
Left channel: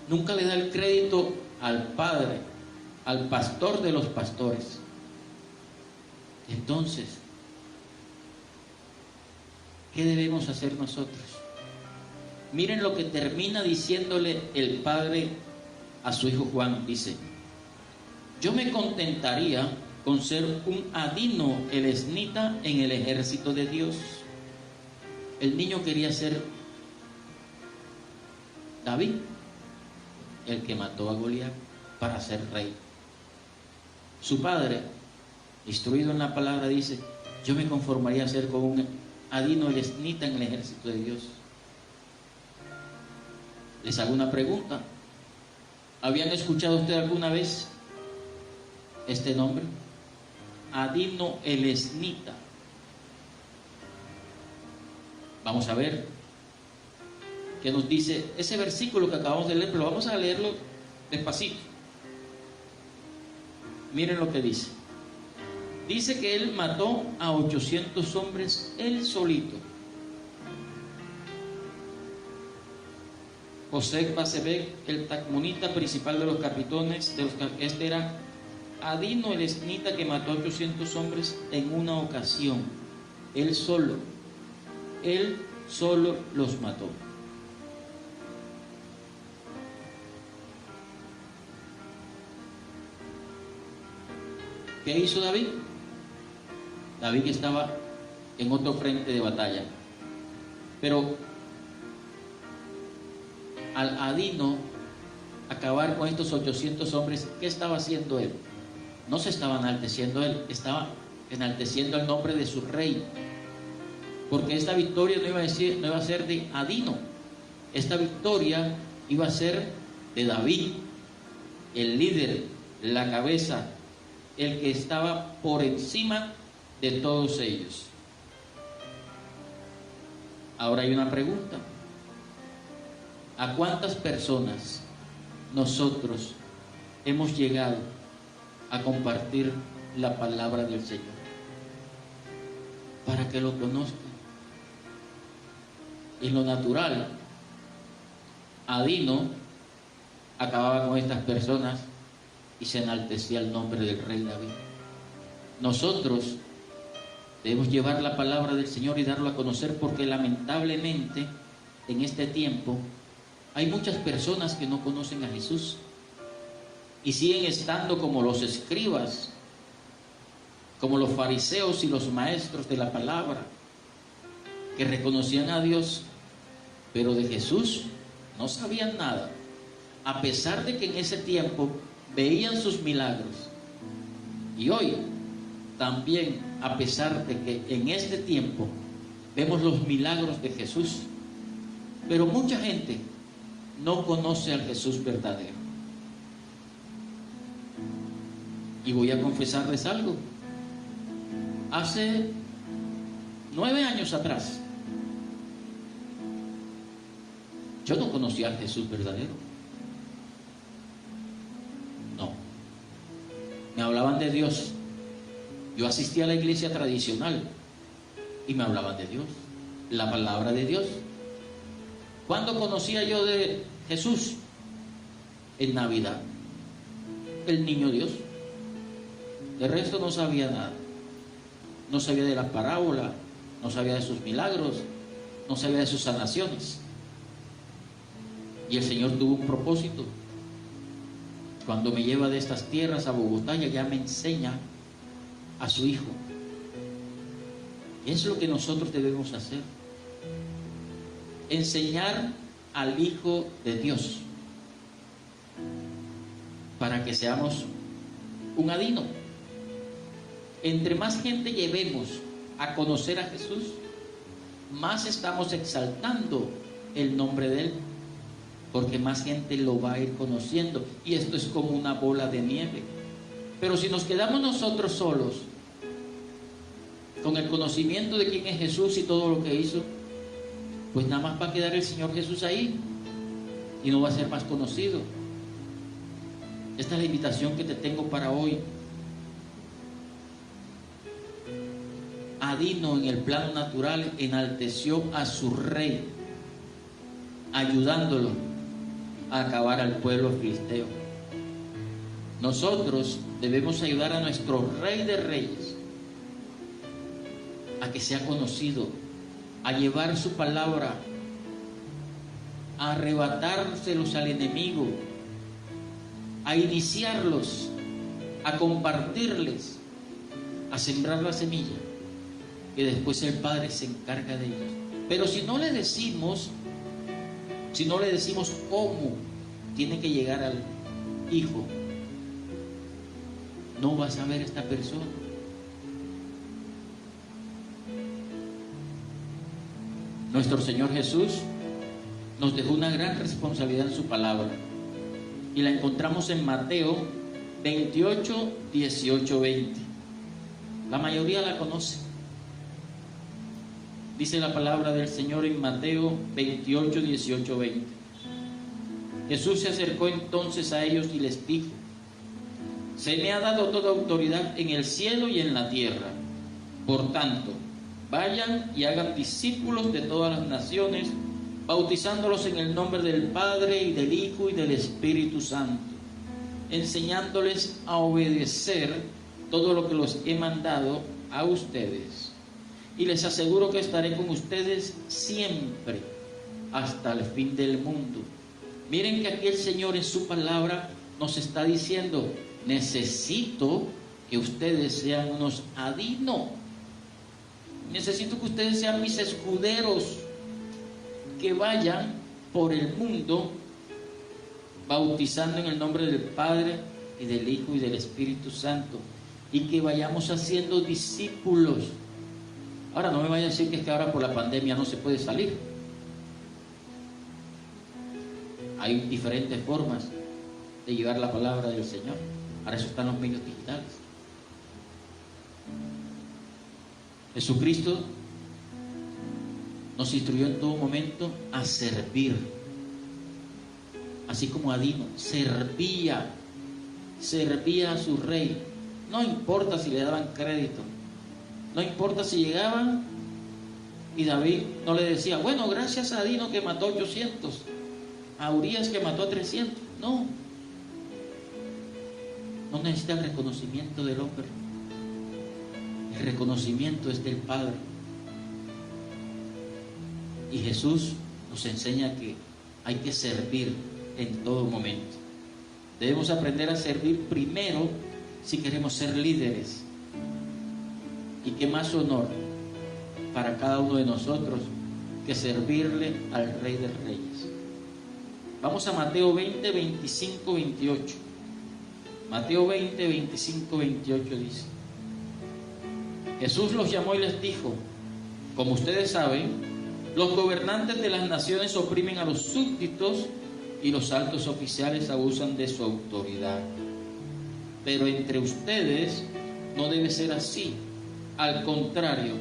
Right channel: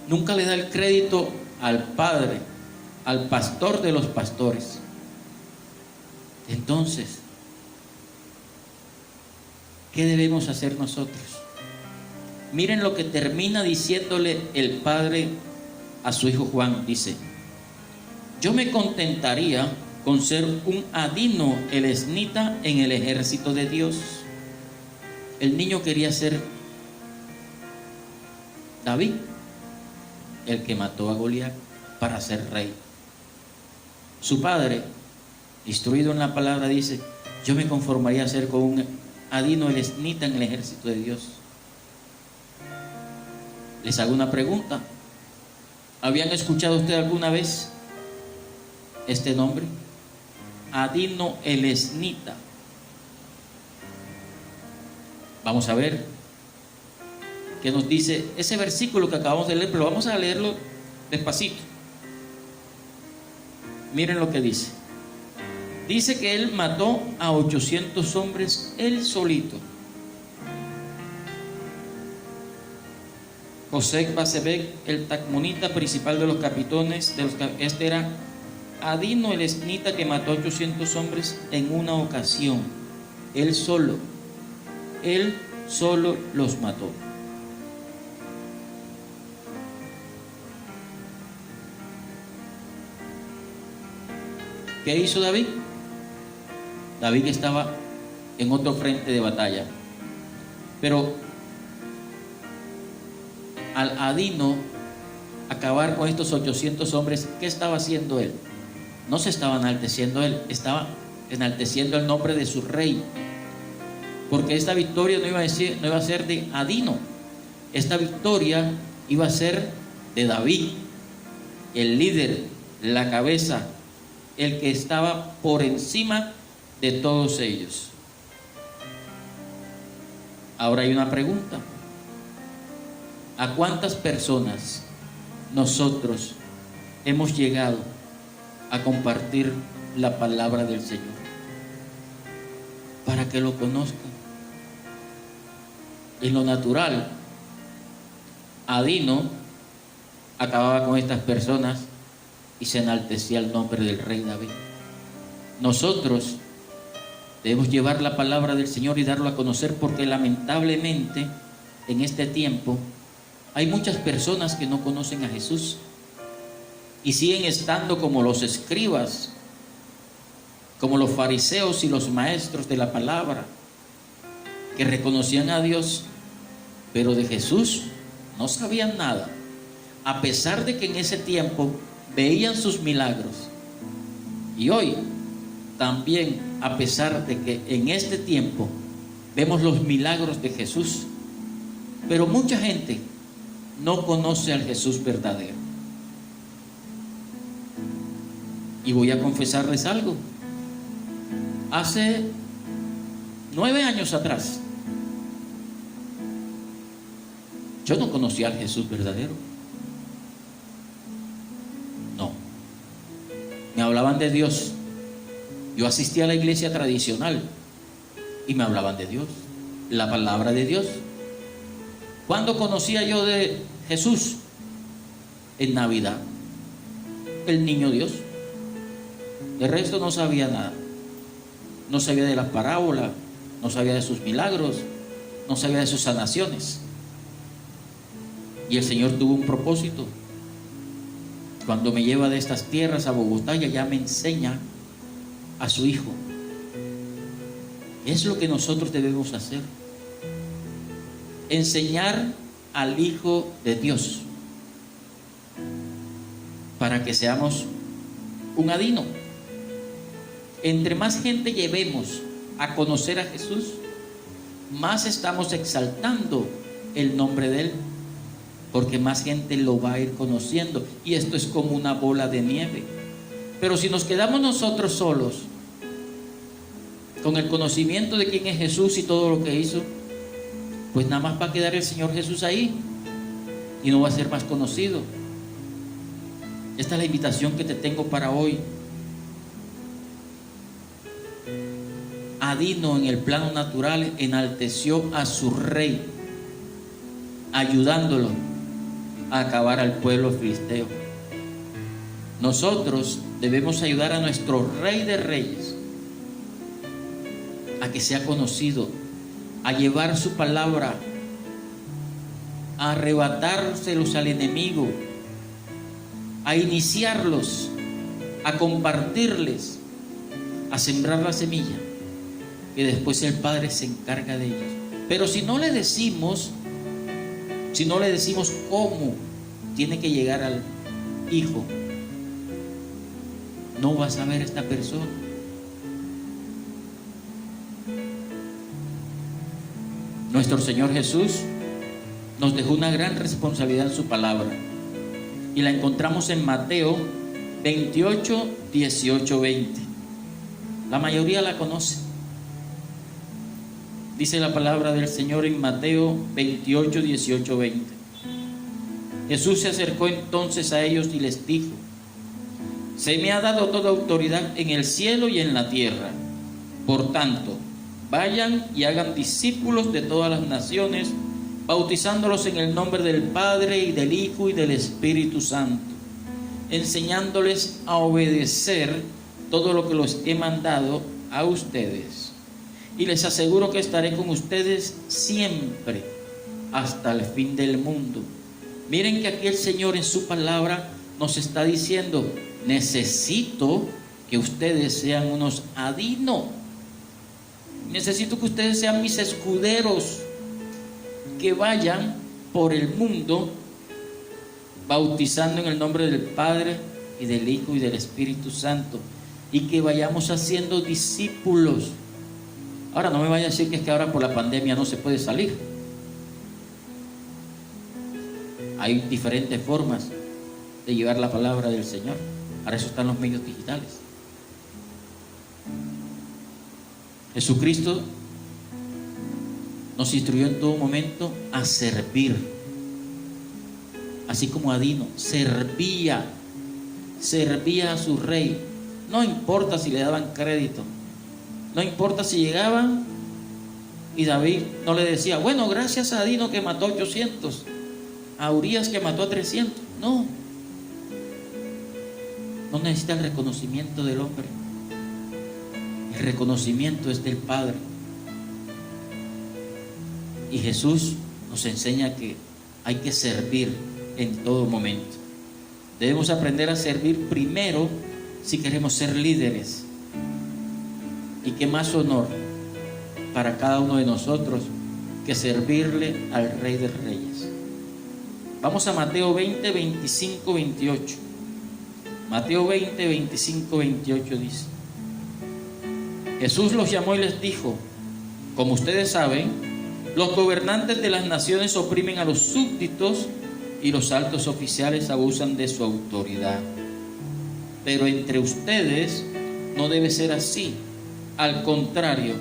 Nunca le da el crédito al Padre, al pastor de los pastores. Entonces, ¿qué debemos hacer nosotros? Miren lo que termina diciéndole el Padre a su hijo Juan. Dice: yo me contentaría con ser un adino elesnita en el ejército de Dios. El niño quería ser David, el que mató a Goliat para ser rey. Su padre, instruido en la palabra, dice: yo me conformaría a ser con un adino elesnita en el ejército de Dios. Les hago una pregunta: ¿habían escuchado ustedes alguna vez este nombre? Adino elesnita. Vamos a ver qué nos dice ese versículo que acabamos de leer, pero vamos a leerlo despacito. Miren lo que dice. Dice que él mató a 800 hombres él solito. José Basebek, el tacmonita principal de los capitanes, este era adino elesnita que mató a 800 hombres en una ocasión. Él solo los mató. ¿Qué hizo David? David estaba en otro frente de batalla, pero al adino acabar con estos 800 hombres, ¿qué estaba haciendo él? No se estaba enalteciendo él, estaba enalteciendo el nombre de su rey, porque esta victoria no iba a ser de adino, esta victoria iba a ser de David, el líder, la cabeza, el que estaba por encima de todos ellos. Ahora hay una pregunta: ¿a cuántas personas nosotros hemos llegado a compartir la palabra del Señor para que lo conozcan? En lo natural, adino acababa con estas personas y se enaltecía el nombre del rey David. Nosotros debemos llevar la palabra del Señor y darlo a conocer, porque lamentablemente en este tiempo hay muchas personas que no conocen a Jesús y siguen estando como los escribas, como los fariseos y los maestros de la palabra, que reconocían a Dios, pero de Jesús no sabían nada, a pesar de que en ese tiempo veían sus milagros. Y hoy también, a pesar de que en este tiempo vemos los milagros de Jesús, pero mucha gente no conoce al Jesús verdadero. Y voy a confesarles algo. Hace 9 años atrás, yo no conocía al Jesús verdadero. No. Me hablaban de Dios. Yo asistía a la iglesia tradicional y me hablaban de Dios, la palabra de Dios. ¿Cuándo conocía yo de Jesús? En Navidad, el niño Dios. De resto no sabía nada. No sabía de las parábolas, no sabía de sus milagros, no sabía de sus sanaciones. Y el Señor tuvo un propósito. Cuando me lleva de estas tierras a Bogotá, ya me enseña a su Hijo. Es lo que nosotros debemos hacer: enseñar al Hijo de Dios. para que seamos un adino. Entre más gente llevemos a conocer a Jesús, más estamos exaltando el nombre de Él, porque más gente lo va a ir conociendo, y esto es como una bola de nieve. Pero si nos quedamos nosotros solos con el conocimiento de quién es Jesús y todo lo que hizo, pues nada más va a quedar el Señor Jesús ahí y no va a ser más conocido. Esta es la invitación que te tengo para hoy. Adino en el plano natural enalteció a su rey, ayudándolo a acabar al pueblo filisteo. Nosotros debemos ayudar a nuestro Rey de Reyes a que sea conocido, a llevar su palabra, a arrebatárselos al enemigo, a iniciarlos, a compartirles, a sembrar la semilla, que después el Padre se encarga de ellos. Pero si no le decimos cómo tiene que llegar al Hijo, no va a saber esta persona. Nuestro Señor Jesús nos dejó una gran responsabilidad en su palabra, y la encontramos en Mateo 28, 18, 20. La mayoría la conoce. Dice la palabra del Señor en Mateo 28, 18, 20. Jesús se acercó entonces a ellos y les dijo: se me ha dado toda autoridad en el cielo y en la tierra. Por tanto, vayan y hagan discípulos de todas las naciones, bautizándolos en el nombre del Padre y del Hijo y del Espíritu Santo, enseñándoles a obedecer todo lo que los he mandado a ustedes. Y les aseguro que estaré con ustedes siempre, hasta el fin del mundo. Miren que aquí el Señor en su palabra nos está diciendo: necesito que ustedes sean unos adinos. Necesito que ustedes sean mis escuderos, que vayan por el mundo bautizando en el nombre del Padre y del Hijo y del Espíritu Santo, y que vayamos haciendo discípulos. Ahora no me vaya a decir que es que ahora por la pandemia no se puede salir. Hay diferentes formas de llevar la palabra del Señor. Para eso están los medios digitales. Jesucristo nos instruyó en todo momento a servir, así como Adino servía a su rey. No importa si le daban crédito, no importa si llegaban y David no le decía: bueno, gracias a Adino que mató 800, a Urías que mató a 300. No necesita el reconocimiento del hombre. El reconocimiento es del Padre. Y Jesús nos enseña que hay que servir en todo momento. Debemos aprender a servir primero si queremos ser líderes. Y qué más honor para cada uno de nosotros que servirle al Rey de Reyes. Vamos a Mateo 20, 25, 28. Mateo 20, 25, 28 dice: Jesús los llamó y les dijo: como ustedes saben, los gobernantes de las naciones oprimen a los súbditos y los altos oficiales abusan de su autoridad. Pero entre ustedes no debe ser así. Al contrario,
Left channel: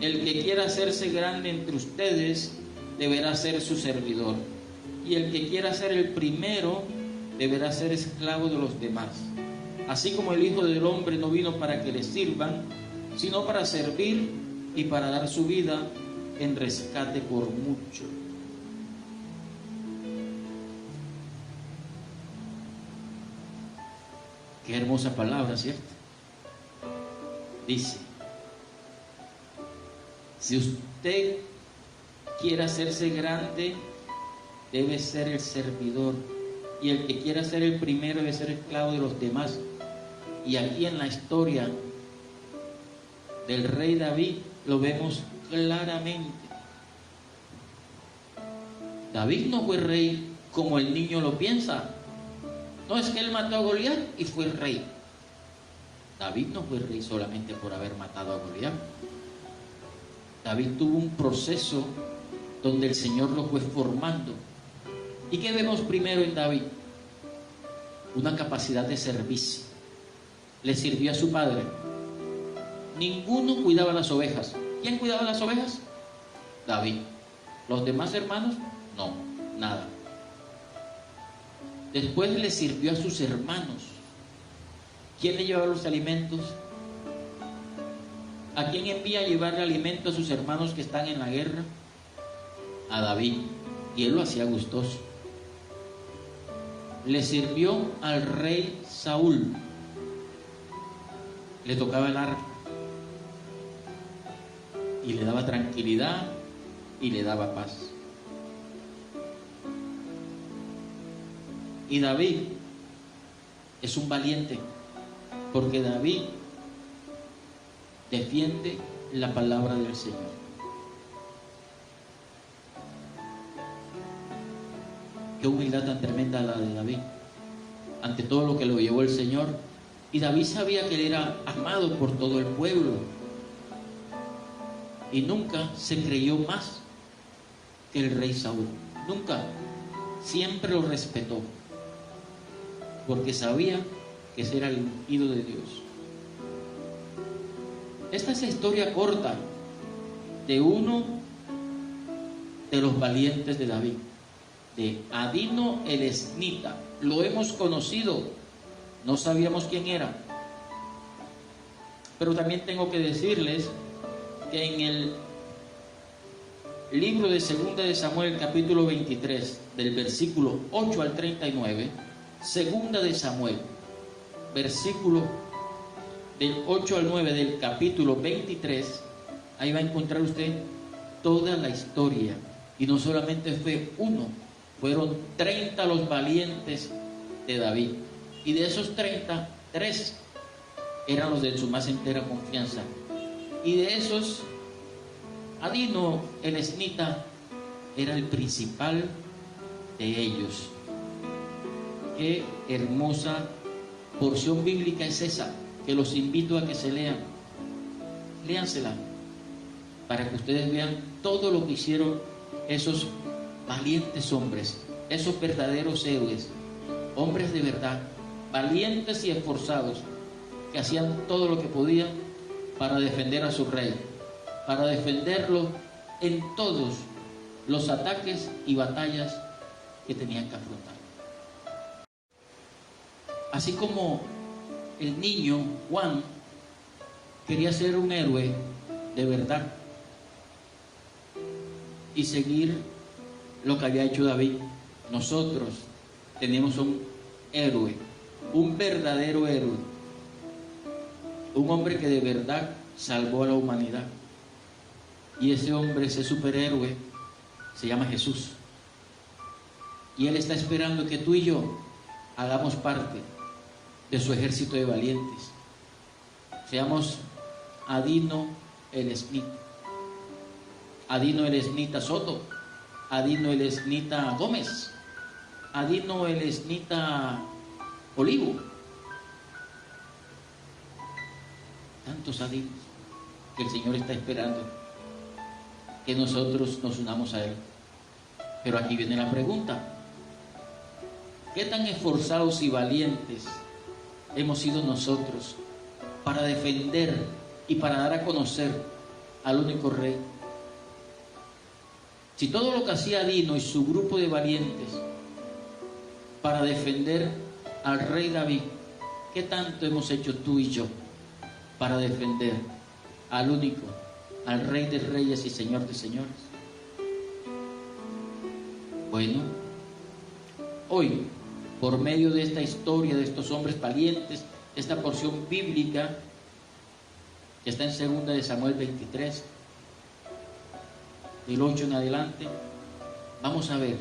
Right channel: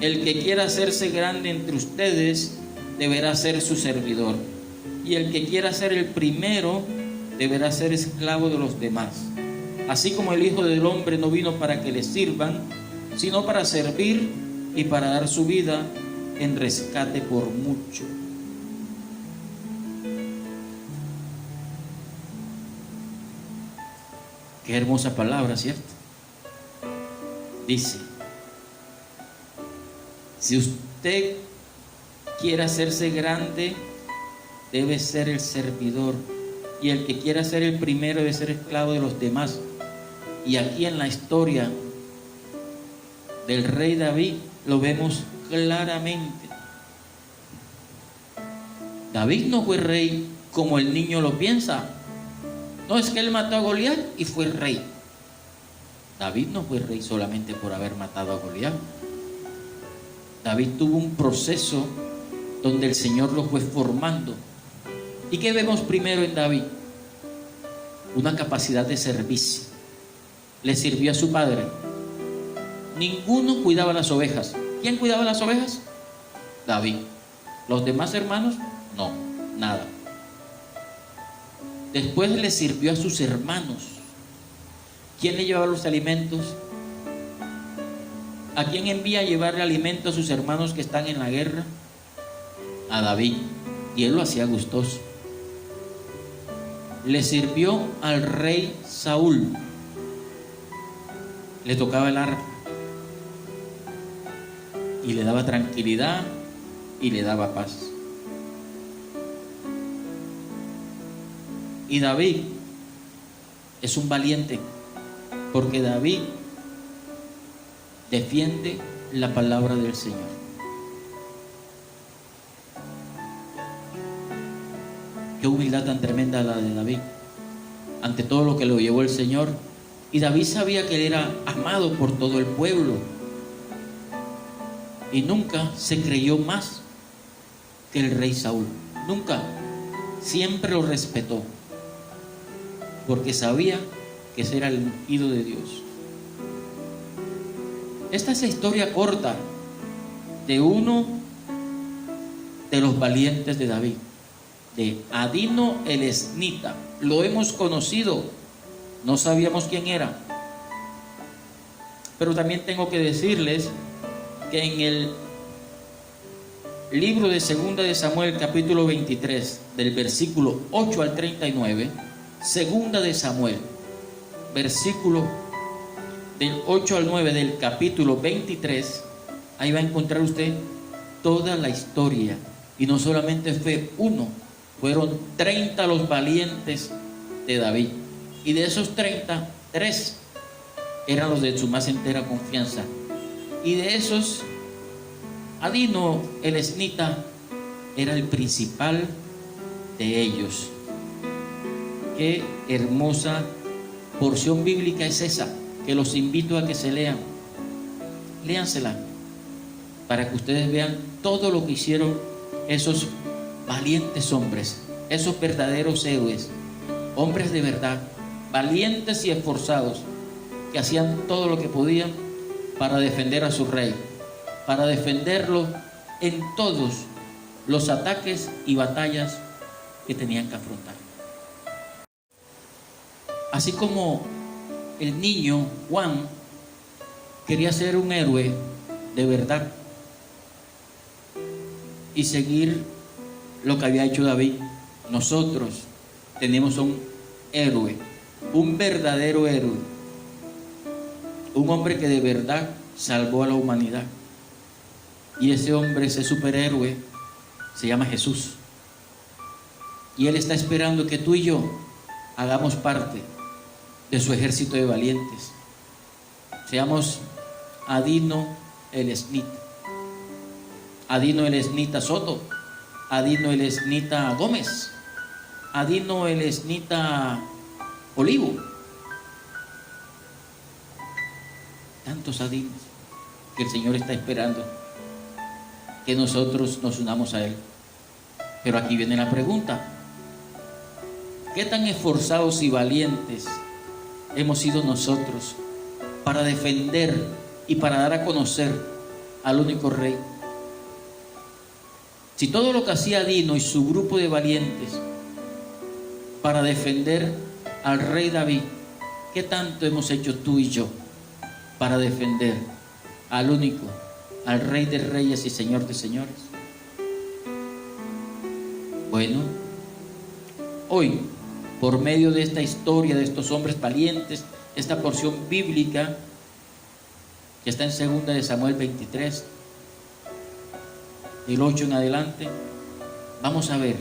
el que quiera hacerse grande entre ustedes deberá ser su servidor, y el que quiera ser el primero deberá ser esclavo de los demás. Así como el Hijo del Hombre no vino para que le sirvan, sino para servir y para dar su vida en rescate por mucho. Qué hermosa palabra, ¿cierto? Dice: si usted quiere hacerse grande, debe ser el servidor, y el que quiera ser el primero debe ser esclavo de los demás. Y aquí en la historia del rey David lo vemos claramente. David no fue rey como el niño lo piensa. No, es que él mató a Goliat y fue rey. David no fue rey solamente por haber matado a Goliat. David tuvo un proceso donde el Señor lo fue formando. ¿Y qué vemos primero en David? Una capacidad de servicio. Le sirvió a su padre. Ninguno cuidaba las ovejas. ¿Quién cuidaba las ovejas? David. ¿Los demás hermanos? No, nada. Después le sirvió a sus hermanos. ¿Quién le llevaba los alimentos? ¿A quién envía a llevarle alimento a sus hermanos que están en la guerra? A David. Y él lo hacía gustoso. Le sirvió al rey Saúl. Le tocaba el arpa. Y le daba tranquilidad y le daba paz. Y David es un valiente, porque David defiende la palabra del Señor. Qué humildad tan tremenda la de David, ante todo lo que lo llevó el Señor. Y David sabía que él era amado por todo el pueblo, y nunca se creyó más que el rey Saúl. Nunca. Siempre lo respetó, porque sabía que ese era el ungido de Dios. Esta es la historia corta de uno de los valientes de David, de Adino el Esnita. Lo hemos conocido, no sabíamos quién era. Pero también tengo que decirles que en el libro de Segunda de Samuel, capítulo 23, del versículo 8 al 39, Segunda de Samuel, versículo del 8 al 9 del capítulo 23, ahí va a encontrar usted toda la historia. Y no solamente fue uno, fueron 30 los valientes de David. Y de esos 30, 3 eran los de su más entera confianza. Y de esos, Adino el Esnita era el principal de ellos. Qué hermosa porción bíblica es esa, que los invito a que se lean. Léansela para que ustedes vean todo lo que hicieron esos valientes hombres, esos verdaderos héroes, hombres de verdad, valientes y esforzados, que hacían todo lo que podían para defender a su rey, para defenderlo en todos los ataques y batallas que tenían que afrontar. Así como el niño Juan quería ser un héroe de verdad y seguir lo que había hecho David, nosotros tenemos un héroe, un verdadero héroe, un hombre que de verdad salvó a la humanidad. Y ese hombre, ese superhéroe, se llama Jesús. Y Él está esperando que tú y yo hagamos parte de su ejército de valientes. Seamos Adino el Esnita, Adino el Esnita Soto, Adino el Esnita Gómez, Adino el Esnita Olivo. Tantos adinos que el Señor está esperando que nosotros nos unamos a Él. Pero aquí viene la pregunta: ¿qué tan esforzados y valientes hemos sido nosotros para defender y para dar a conocer al único Rey? Si todo lo que hacía Adino y su grupo de valientes para defender al rey David, ¿qué tanto hemos hecho tú y yo para defender al único, al Rey de Reyes y Señor de Señores? Bueno, hoy, por medio de esta historia de estos hombres valientes, esta porción bíblica que está en Segunda de Samuel 23, del 8 en adelante, vamos a ver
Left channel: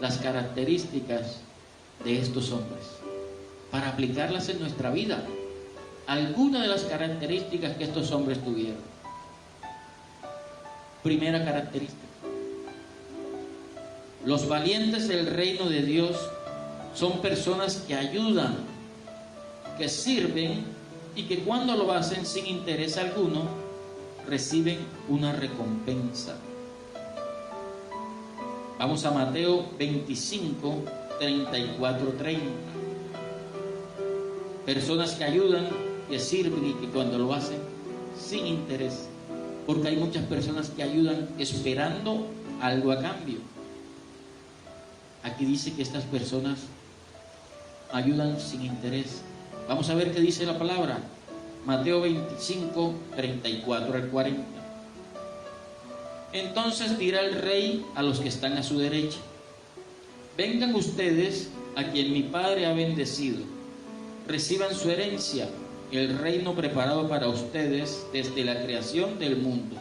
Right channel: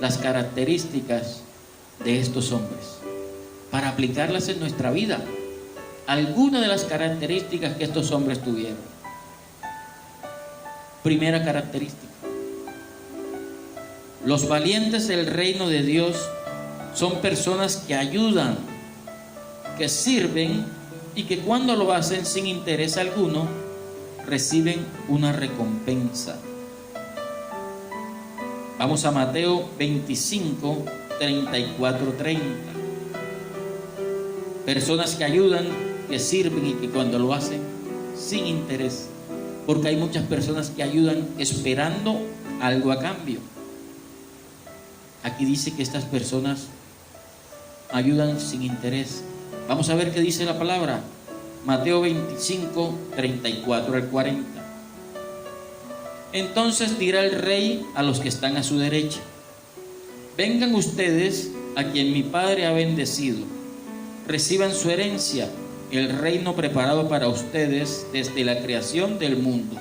las características de estos hombres para aplicarlas en nuestra vida. Algunas de las características que estos hombres tuvieron. Primera característica: los valientes del reino de Dios son personas que ayudan, que sirven y que cuando lo hacen sin interés alguno, reciben una recompensa. Vamos a Mateo 25, 34, 30. Personas que ayudan, que sirven y que cuando lo hacen sin interés. Porque hay muchas personas que ayudan esperando algo a cambio. Aquí dice que estas personas ayudan sin interés. Vamos a ver qué dice la palabra. Mateo 25, 34 al 40. Entonces dirá el rey a los que están a su derecha: vengan ustedes a quien mi Padre ha bendecido, reciban su herencia, el reino preparado para ustedes desde la creación del mundo.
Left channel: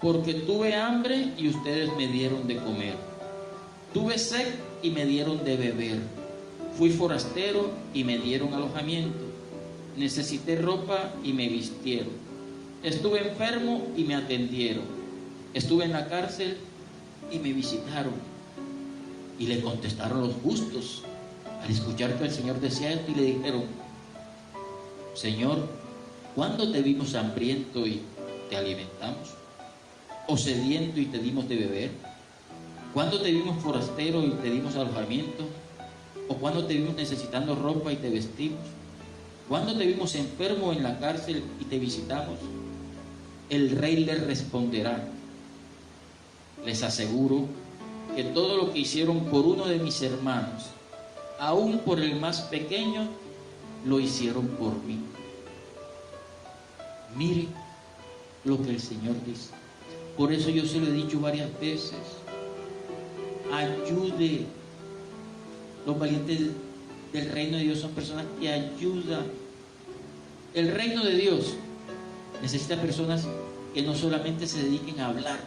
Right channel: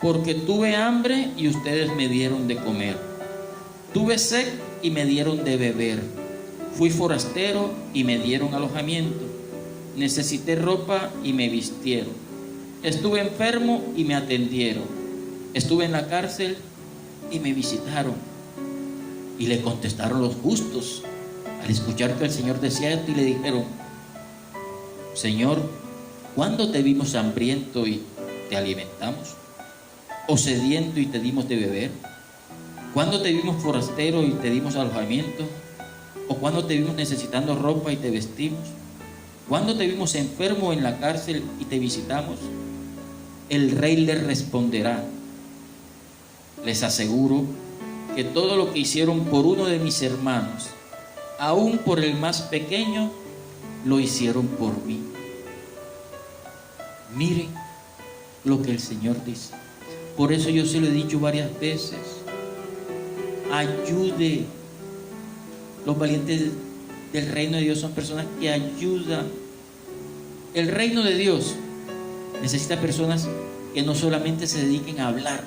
Porque tuve hambre y ustedes me dieron de comer, tuve sed y me dieron de beber, fui forastero y me dieron alojamiento, necesité ropa y me vistieron, estuve enfermo y me atendieron, estuve en la cárcel y me visitaron. Y le contestaron los justos al escuchar que el Señor decía esto, y le dijeron: Señor, ¿cuándo te vimos hambriento y te alimentamos? ¿O sediento y te dimos de beber? ¿Cuándo te vimos forastero y te dimos alojamiento? ¿O cuándo te vimos necesitando ropa y te vestimos? ¿Cuándo te vimos enfermo en la cárcel y te visitamos? El rey le responderá: les aseguro que todo lo que hicieron por uno de mis hermanos, aún por el más pequeño, lo hicieron por mí. Miren lo que el Señor dice. Por eso yo se lo he dicho varias veces: ayude. Los valientes del reino de Dios son personas que ayudan. El reino de Dios necesita personas que no solamente se dediquen a hablar,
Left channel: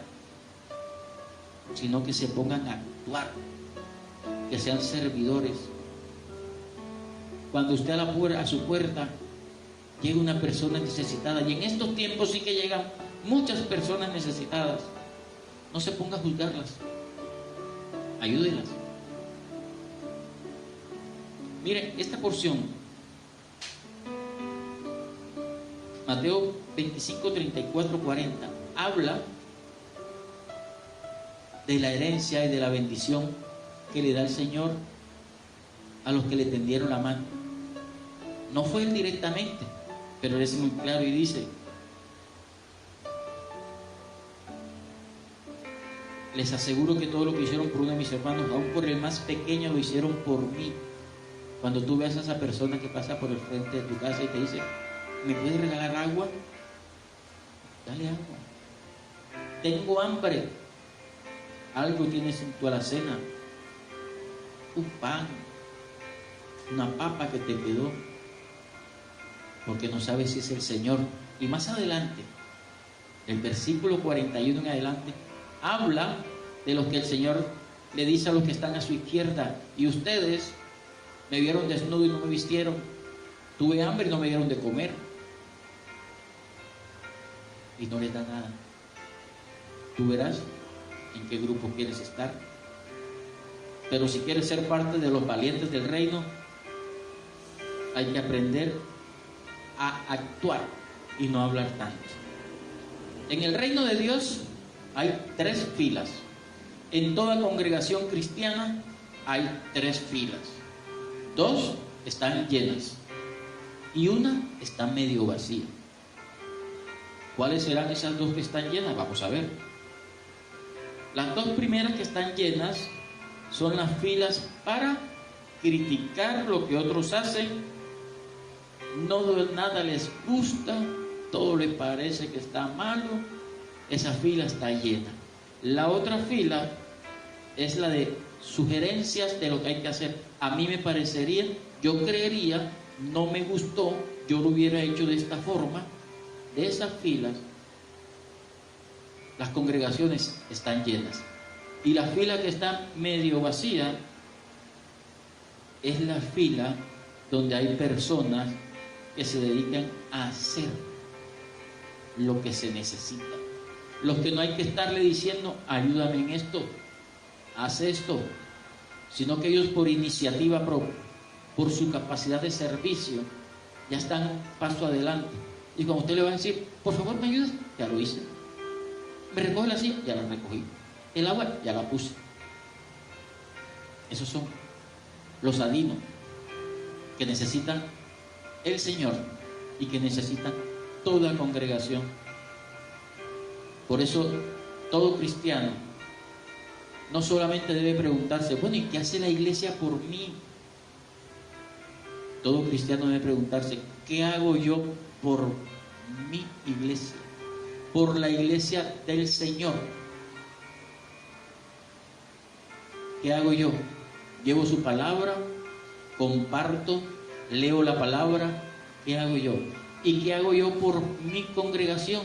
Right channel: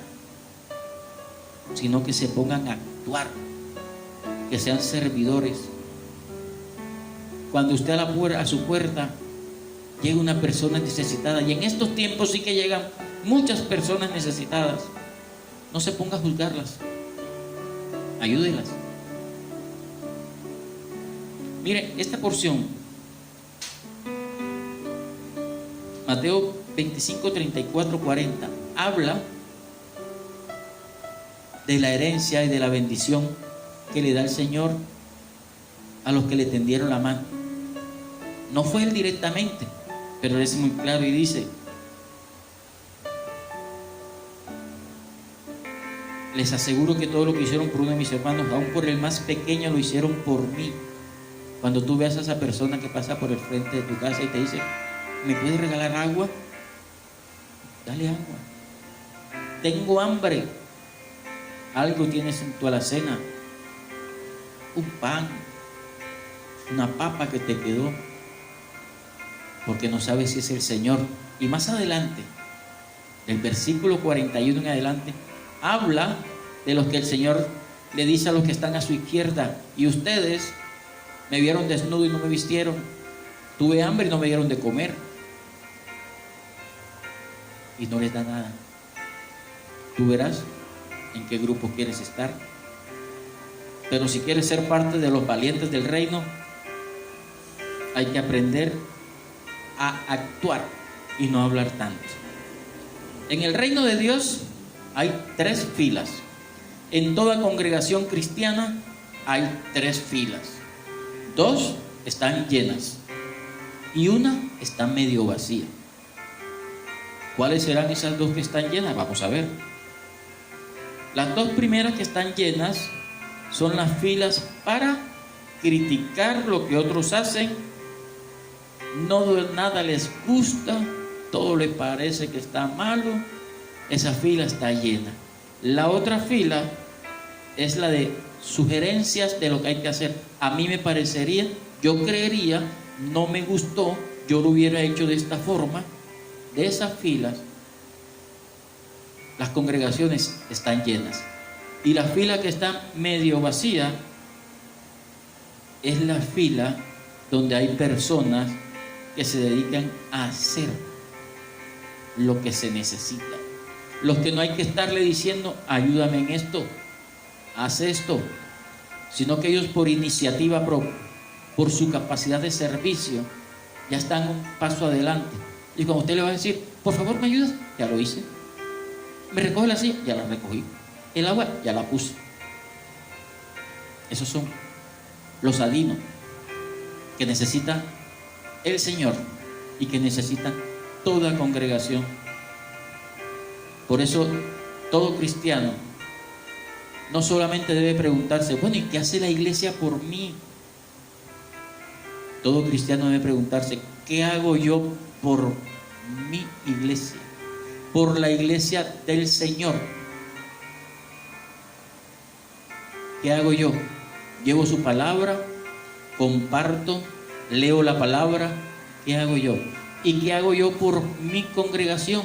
sino que se pongan a actuar, que sean servidores. Cuando usted a su puerta llega una persona necesitada, y en estos tiempos sí que llegan muchas personas necesitadas, no se ponga a juzgarlas, ayúdelas. Mire, esta porción, Mateo 25, 34, 40, habla de la herencia y de la bendición que le da el Señor a los que le tendieron la mano. No fue él directamente, pero él es muy claro y dice: les aseguro que todo lo que hicieron por uno de mis hermanos, aún por el más pequeño, lo hicieron por mí. Cuando tú veas a esa persona que pasa por el frente de tu casa y te dice: ¿me puedes regalar agua? Dale agua. Tengo hambre. Algo tienes en tu alacena, un pan, una papa que te quedó, porque no sabes si es el Señor. Y más adelante, del versículo 41 en adelante, habla de los que el Señor le dice a los que están a su izquierda: y ustedes me vieron desnudo y no me vistieron, tuve hambre y no me dieron de comer. Y no les da nada. Tú verás en qué grupo quieres estar. Pero si quieres ser parte de los valientes del reino, hay que aprender a actuar y no hablar tanto. En el reino de Dios hay 3 filas. En toda congregación cristiana hay 3 filas. 2 están llenas y una está medio vacía. ¿Cuáles serán esas 2 que están llenas? Vamos a ver. Las 2 primeras que están llenas son las filas para criticar lo que otros hacen. Nada les gusta, todo les parece que está malo. Esa fila está llena. La otra fila es la de sugerencias de lo que hay que hacer. A mí me parecería, yo creería, no me gustó, yo lo hubiera hecho de esta forma. De esas filas, las congregaciones están llenas. Y la fila que está medio vacía es la fila donde hay personas que se dedican a hacer lo que se necesita. Los que no hay que estarle diciendo: ayúdame en esto, haz esto, sino que ellos por iniciativa propia, por su capacidad de servicio, ya están un paso adelante. Y cuando usted le va a decir, por favor me ayudas, ya lo hice. Me recoge la silla, ya la recogí. El agua, ya la puse. Esos son los adinos que necesita el Señor y que necesita toda congregación. Por eso todo cristiano no solamente debe preguntarse, bueno, ¿y qué hace la iglesia por mí? Todo cristiano debe preguntarse, ¿qué hago yo por mi iglesia? Por la iglesia del Señor. ¿Qué hago yo? Llevo su palabra, comparto, leo la palabra. ¿Qué hago yo? ¿Y qué hago yo por mi congregación?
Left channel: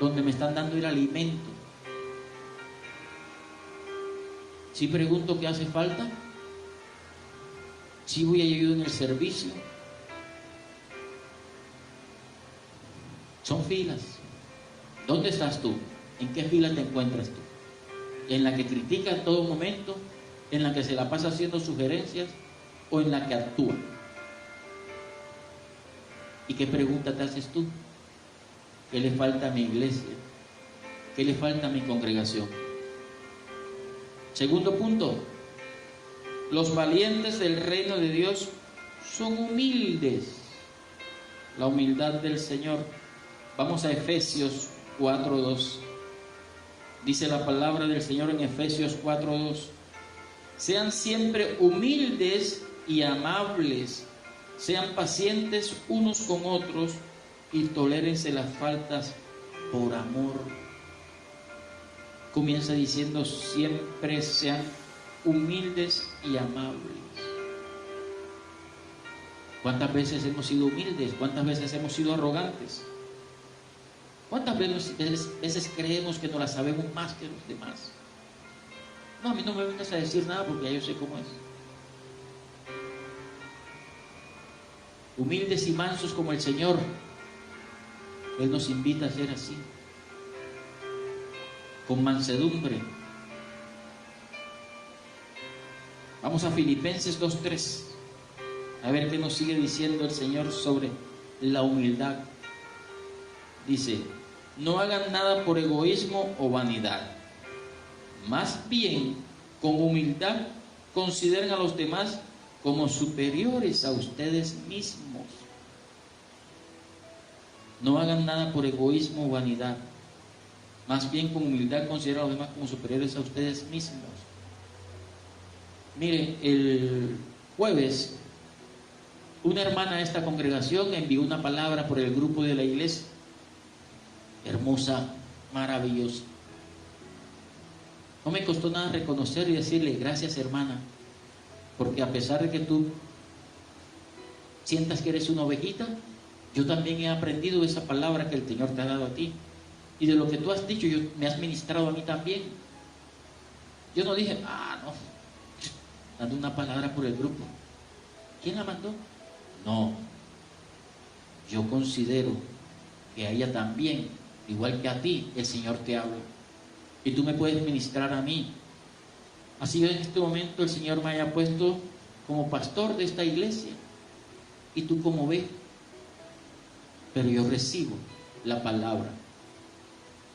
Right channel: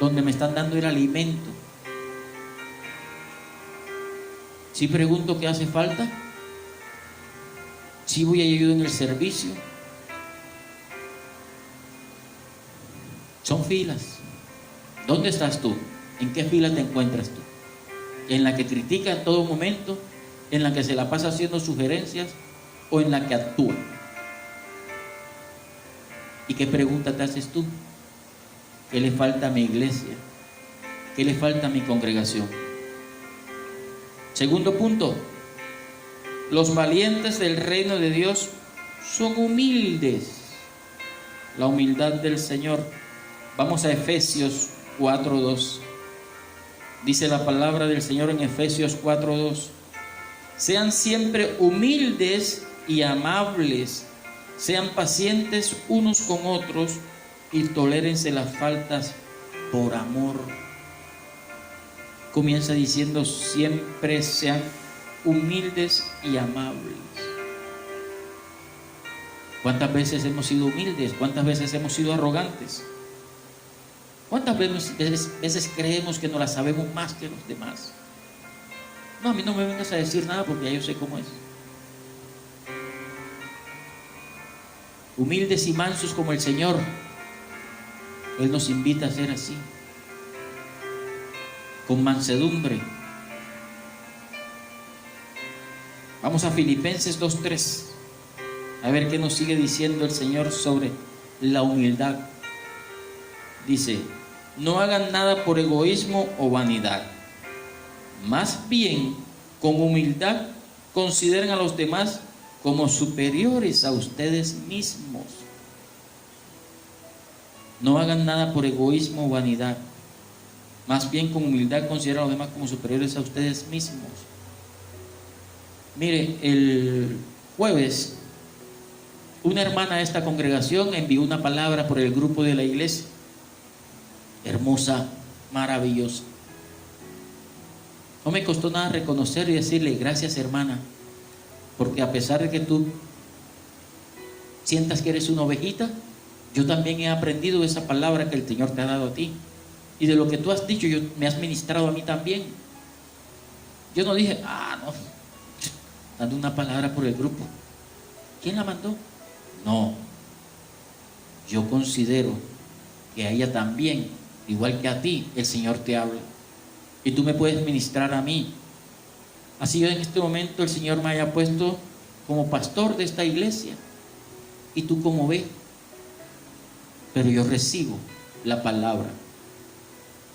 Donde me están dando el alimento. ¿Sí pregunto qué hace falta? ¿Sí voy a ayudar en el servicio? Son filas. ¿Dónde estás tú? ¿En qué fila te encuentras tú? ¿En la que critica en todo momento? ¿En la que se la pasa haciendo sugerencias? ¿O en la que actúa? ¿Y qué pregunta te haces tú? ¿Qué le falta a mi iglesia? ¿Qué le falta a mi congregación? Segundo punto, los valientes del reino de Dios son humildes. La humildad del Señor. Vamos a Efesios 4:2. Dice la palabra del Señor en Efesios 4:2. Sean siempre humildes y amables, sean pacientes unos con otros y tolérense las faltas por amor. Comienza diciendo, siempre sean humildes y amables. ¿Cuántas veces hemos sido humildes? ¿Cuántas veces hemos sido arrogantes? ¿Cuántas veces creemos que no la sabemos más que los demás? No, a mí no me vengas a decir nada porque ya yo sé cómo es. Humildes y mansos como el Señor. Él nos invita a ser así. Con mansedumbre. Vamos a Filipenses 2:3. A ver qué nos sigue diciendo el Señor sobre la humildad. Dice, no hagan nada por egoísmo o vanidad. Más bien, con humildad, consideren a los demás como superiores a ustedes mismos. No hagan nada por egoísmo o vanidad. Más bien, con humildad, consideren a los demás como superiores a ustedes mismos. Mire, el jueves, una hermana de esta congregación envió una palabra por el grupo de la iglesia. Hermosa, maravillosa. No me costó nada reconocer y decirle, gracias hermana, porque a pesar de que tú sientas que eres una ovejita, yo también he aprendido esa palabra que el Señor te ha dado a ti. Y de lo que tú has dicho, me has ministrado a mí también. Yo no dije, no, dando una palabra por el grupo. ¿Quién la mandó? No. Yo considero que a ella también, igual que a ti, el Señor te habla. Y tú me puedes ministrar a mí. Así yo en este momento el Señor me haya puesto como pastor de esta iglesia. Y tú como ves. Pero yo recibo la palabra.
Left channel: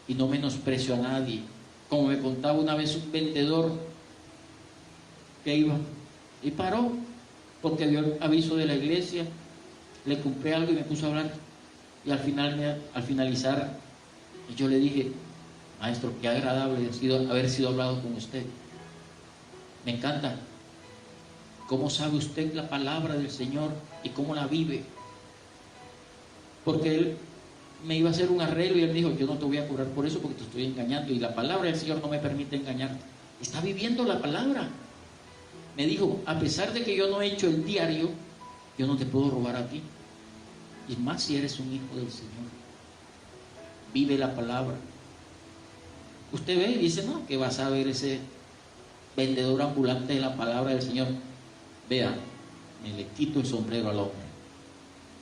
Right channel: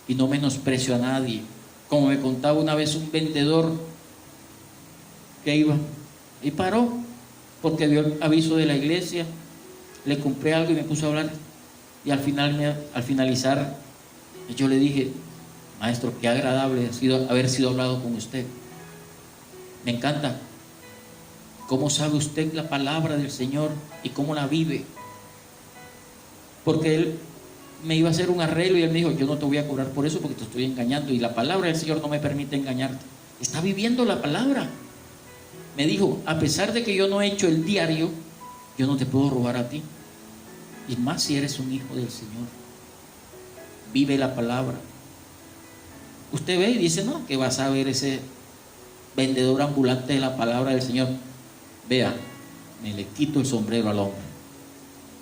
Y no menosprecio a nadie. Como me contaba una vez un vendedor que iba y paró porque dio el aviso de la iglesia, le compré algo y me puso a hablar. Y al finalizar, yo le dije, maestro, qué agradable ha sido haber sido hablado con usted. Me encanta cómo sabe usted la palabra del Señor y cómo la vive. Porque él me iba a hacer un arreglo y él me dijo, yo no te voy a cobrar por eso porque te estoy engañando y la palabra del Señor no me permite engañarte. Está viviendo la palabra. Me dijo, a pesar de que yo no he hecho el diario, yo no te puedo robar a ti. Y más si eres un hijo del Señor. Vive la palabra. Usted ve y dice, no, que vas a ver ese vendedor ambulante de la palabra del Señor. Vea, me le quito el sombrero al hombre.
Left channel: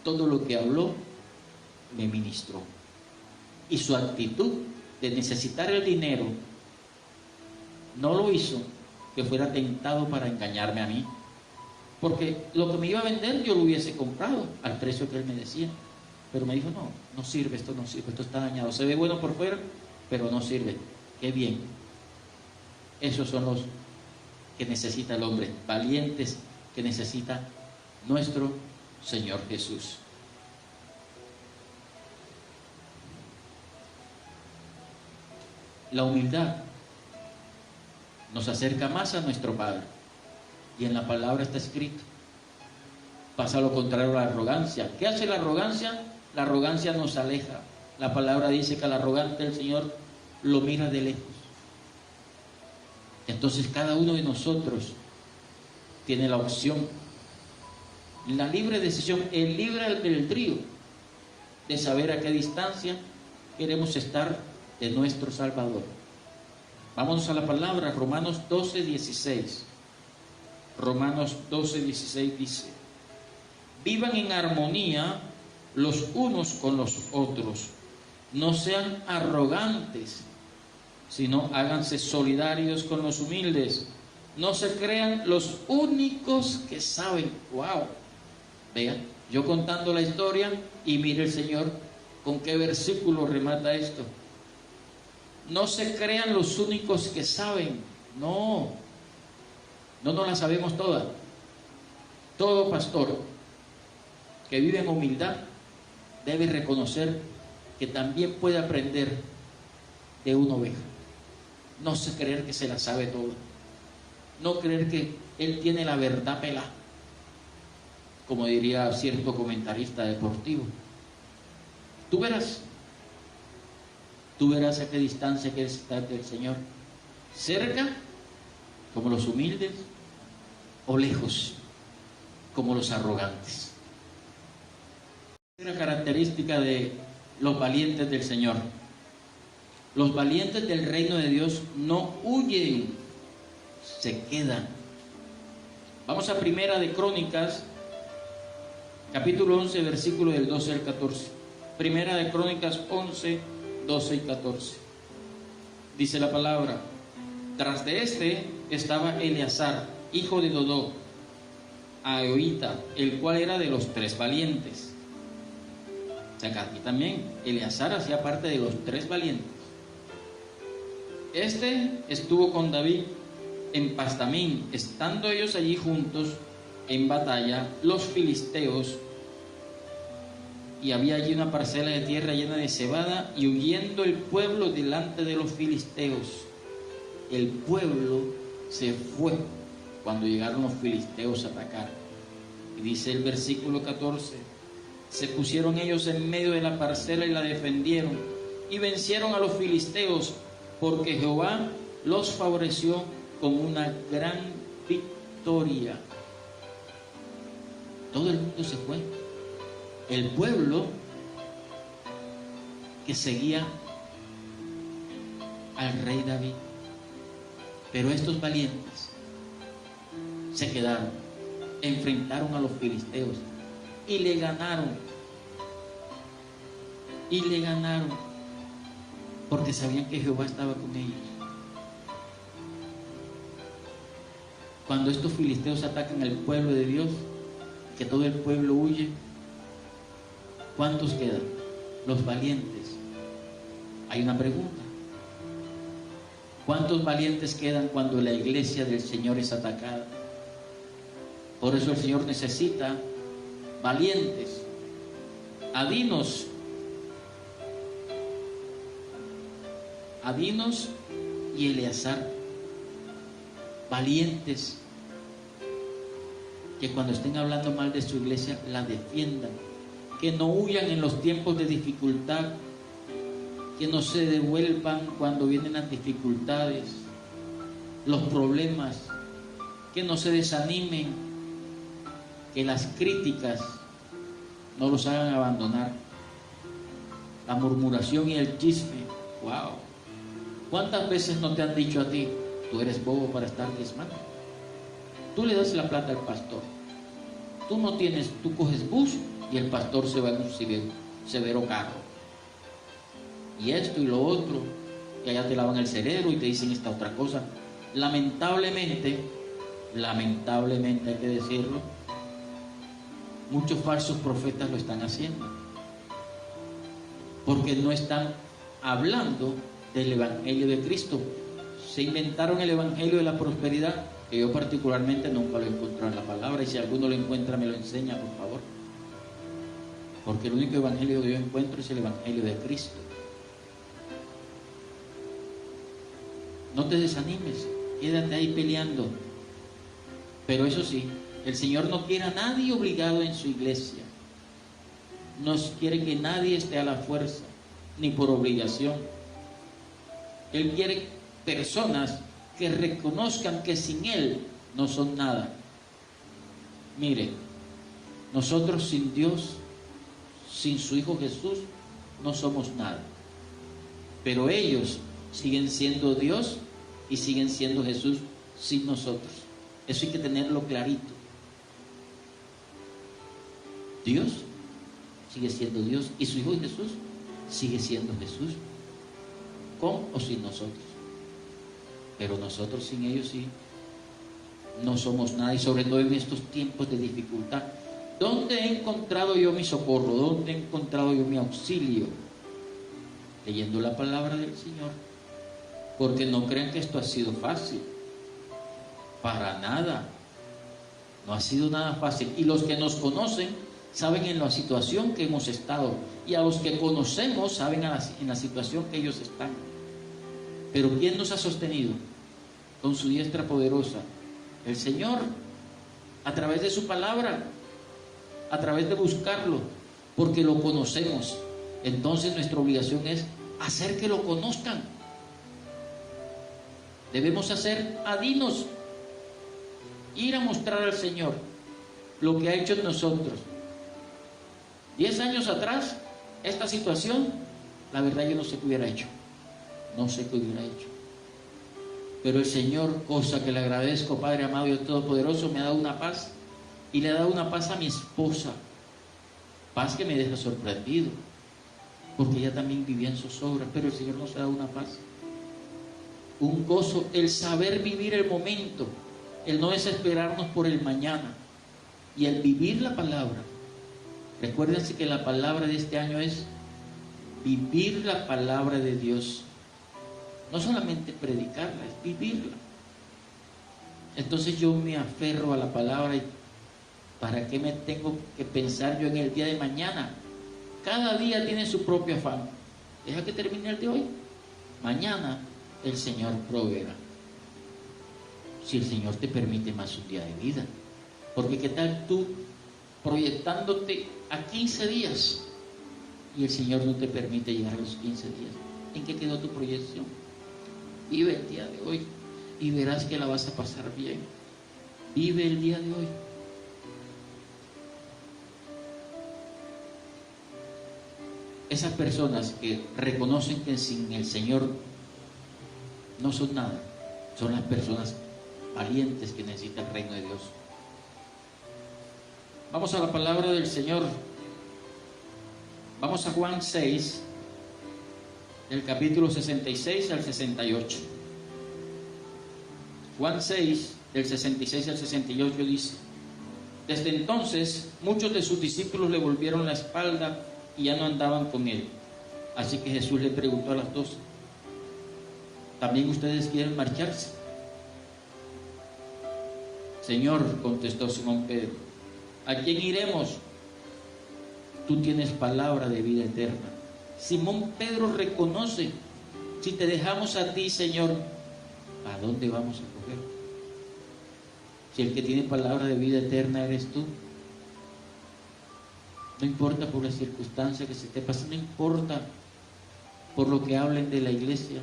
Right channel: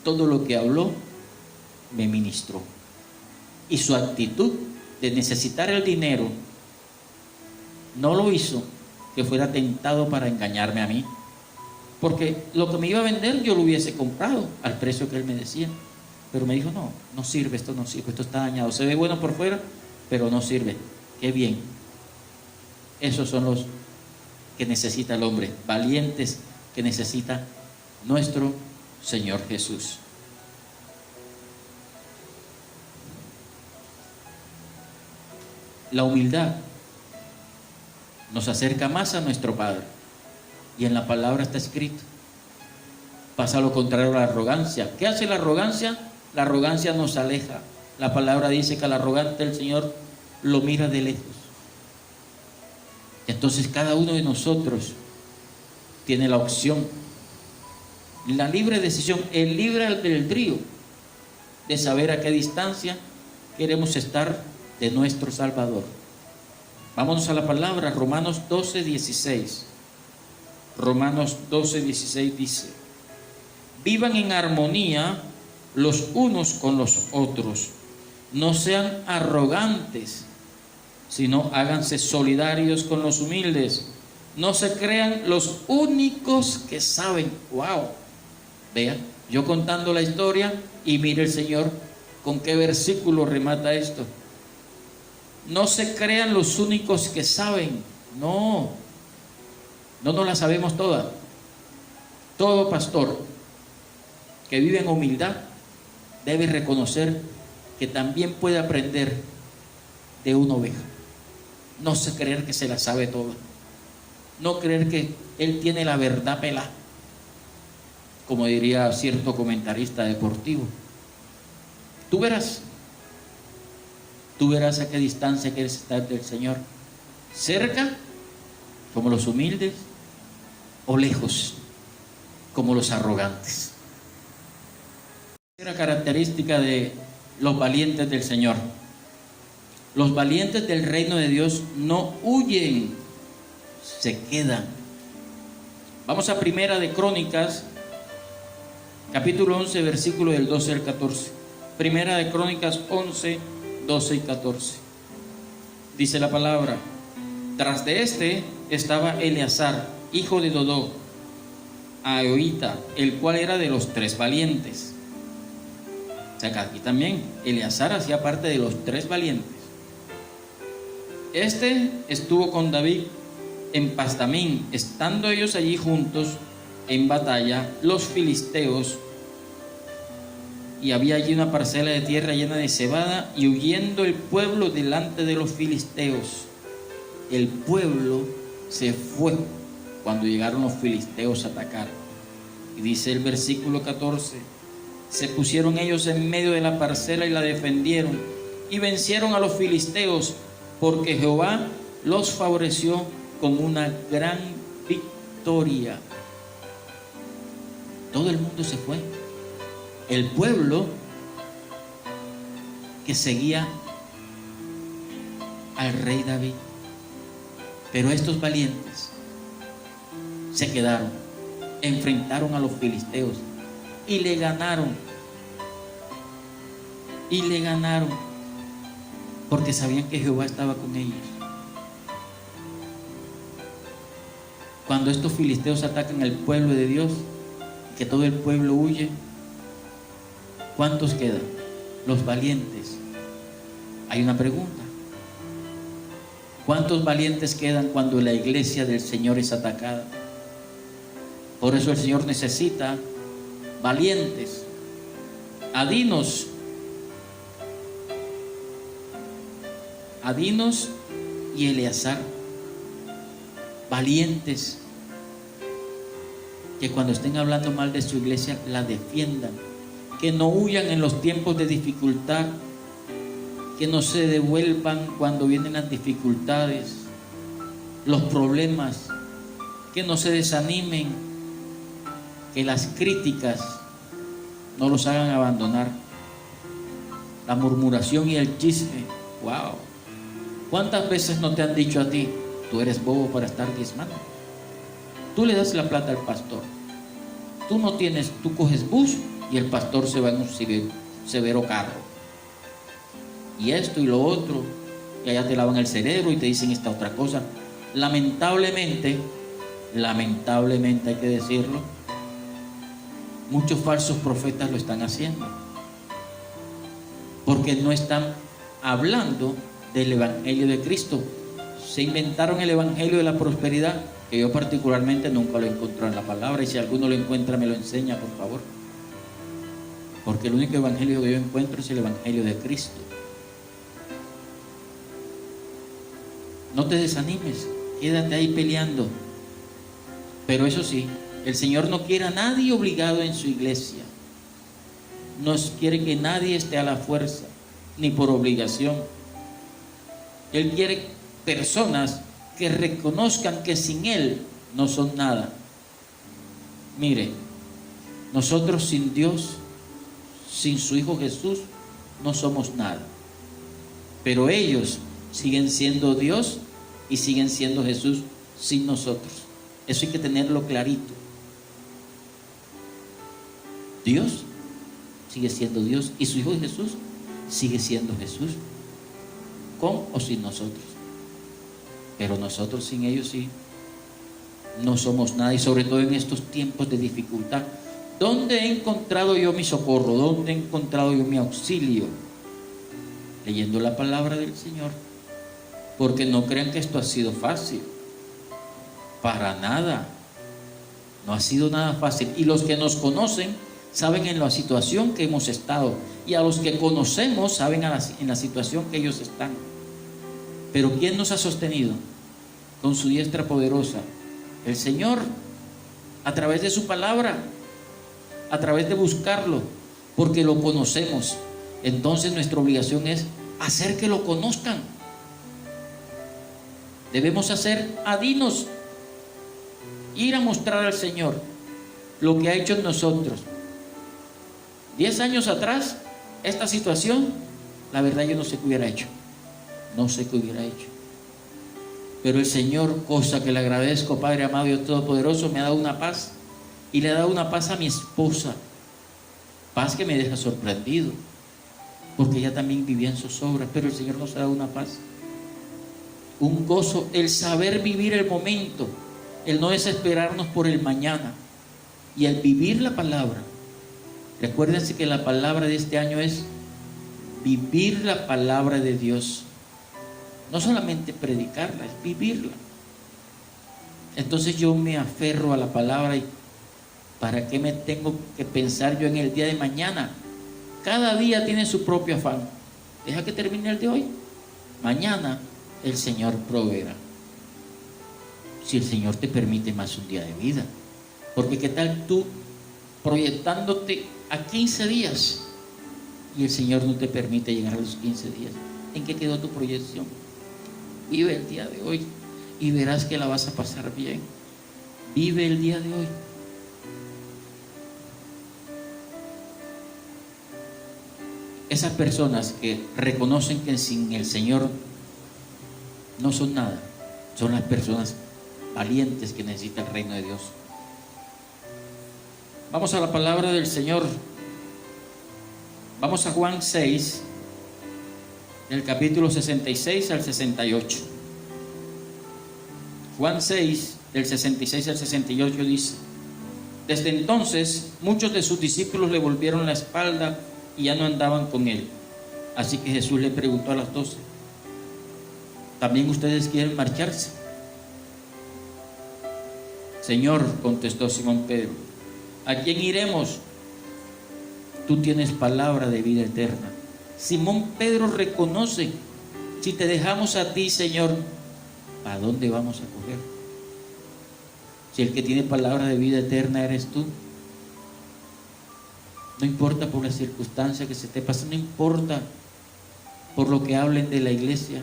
Todo lo que habló me ministró. Y su actitud de necesitar el dinero no lo hizo que fuera tentado para engañarme a mí. Porque lo que me iba a vender yo lo hubiese comprado al precio que él me decía. Pero me dijo, no, no sirve, esto no sirve, esto está dañado. Se ve bueno por fuera, pero no sirve. Qué bien. Esos son los que necesita el hombre, valientes que necesita nuestro Señor Jesús. La humildad nos acerca más a nuestro Padre. Y en la palabra está escrito. Pasa lo contrario a la arrogancia. ¿Qué hace la arrogancia? La arrogancia nos aleja. La palabra dice que al arrogante el Señor lo mira de lejos. Entonces cada uno de nosotros tiene la opción, la libre decisión, el libre albedrío de saber a qué distancia queremos estar de nuestro Salvador. Vámonos a la palabra, Romanos 12:16. Romanos 12:16 dice: vivan en armonía los unos con los otros, no sean arrogantes, sino háganse solidarios con los humildes, no se crean los únicos que saben. Wow, vea, yo contando la historia y mire el Señor con qué versículo remata esto. No se crean los únicos que saben. No nos la sabemos toda. Todo pastor que vive en humildad debe reconocer que también puede aprender de una oveja. No se creer que se la sabe toda. No creer que él tiene la verdad pelada, como diría cierto comentarista deportivo. Tú verás a qué distancia quieres estar del Señor. Cerca, como los humildes, o lejos, como los arrogantes. Era característica de los valientes del Señor. Los valientes del reino de Dios no huyen, se quedan. Vamos a Primera de Crónicas, capítulo 11, versículo del 12 al 14. Primera de Crónicas 11, 12 y 14. Dice la palabra: tras de este estaba Eleazar, hijo de Dodó, Ahohita, el cual era de los 3 valientes. O sea que aquí también Eleazar hacía parte de los 3 valientes. Este estuvo con David en Pastamín, estando ellos allí juntos en batalla, los filisteos, y había allí una parcela de tierra llena de cebada, y huyendo el pueblo delante de los filisteos. El pueblo se fue cuando llegaron los filisteos a atacar. Y dice el versículo 14: se pusieron ellos en medio de la parcela y la defendieron, y vencieron a los filisteos, porque Jehová los favoreció con una gran victoria. Todo el mundo se fue. El pueblo que seguía al rey David. Pero estos valientes se quedaron, enfrentaron a los filisteos y le ganaron. Porque sabían que Jehová estaba con ellos. Cuando estos filisteos atacan al pueblo de Dios, que todo el pueblo huye, ¿cuántos quedan? Los valientes. Hay una pregunta: ¿cuántos valientes quedan cuando la iglesia del Señor es atacada? Por eso el Señor necesita valientes, Adinos y Eleazar, valientes, que cuando estén hablando mal de su iglesia la defiendan, que no huyan en los tiempos de dificultad, que no se devuelvan cuando vienen las dificultades, los problemas, que no se desanimen, que las críticas no los hagan abandonar, la murmuración y el chisme. Wow, ¿cuántas veces no te han dicho a ti: tú eres bobo para estar diezmando? Tú le das la plata al pastor, tú coges bus y el pastor se va en un severo carro, y esto y lo otro, y allá te lavan el cerebro y te dicen esta otra cosa. lamentablemente hay que decirlo, muchos falsos profetas lo están haciendo, porque no están hablando del Evangelio de Cristo. Se inventaron el Evangelio de la prosperidad, que yo particularmente nunca lo encontré en la palabra, y si alguno lo encuentra me lo enseña, por favor, porque el único Evangelio que yo encuentro es el Evangelio de Cristo. No te desanimes, quédate ahí peleando. Pero eso sí, el Señor no quiere a nadie obligado en su iglesia. No quiere que nadie esté a la fuerza, ni por obligación. Él quiere personas que reconozcan que sin Él no son nada. Mire, nosotros sin Dios, sin su Hijo Jesús, no somos nada. Pero ellos siguen siendo Dios y siguen siendo Jesús sin nosotros. Eso hay que tenerlo clarito. Dios sigue siendo Dios y su Hijo Jesús sigue siendo Jesús, con o sin nosotros. Pero nosotros sin ellos sí no somos nada, y sobre todo en estos tiempos de dificultad. ¿Dónde he encontrado yo mi socorro? ¿Dónde he encontrado yo mi auxilio? Leyendo la palabra del Señor. Porque no crean que esto ha sido fácil. Para nada. No ha sido nada fácil. Y los que nos conocen saben en la situación que hemos estado. Y a los que conocemos saben en la situación que ellos están. Pero ¿quién nos ha sostenido? Con su diestra poderosa. El Señor, a través de su palabra, a través de buscarlo, porque lo conocemos. Entonces nuestra obligación es hacer que lo conozcan. Debemos hacer adinos, ir a mostrar al Señor lo que ha hecho en nosotros. 10 años atrás, esta situación, la verdad yo no sé qué hubiera hecho. No sé qué hubiera hecho. Pero el Señor, cosa que le agradezco, Padre amado y todopoderoso, me ha dado una paz. Y le ha dado una paz a mi esposa. Paz que me deja sorprendido, porque ella también vivía en zozobra. Pero el Señor nos ha dado una paz, un gozo, el saber vivir el momento, el no desesperarnos por el mañana, y el vivir la palabra. Recuérdense que la palabra de este año es vivir la palabra de Dios. No solamente predicarla, es vivirla. Entonces yo me aferro a la palabra. ¿Y para qué me tengo que pensar yo en el día de mañana? Cada día tiene su propio afán. Deja que termine el de hoy. Mañana el Señor proveerá. Si el Señor te permite más un día de vida. Porque qué tal tú proyectándote a 15 días y el Señor no te permite llegar a los 15 días. ¿En qué quedó tu proyección? Vive el día de hoy y verás que la vas a pasar bien. Vive el día de hoy. Esas personas que reconocen que sin el Señor no son nada, son las personas valientes que necesita el reino de Dios. Vamos a la palabra del Señor. Vamos a Juan 6, del capítulo 66 al 68. Juan 6, del 66 al 68 dice: desde entonces muchos de sus discípulos le volvieron la espalda y ya no andaban con él. Así que Jesús le preguntó a los 12: ¿también ustedes quieren marcharse? Señor, contestó Simón Pedro, ¿a quién iremos? Tú tienes palabra de vida eterna. Simón Pedro reconoce: si te dejamos a ti, Señor, ¿a dónde vamos a correr? Si el que tiene palabra de vida eterna eres tú. No importa por la circunstancia que se te pase, no importa por lo que hablen de la iglesia.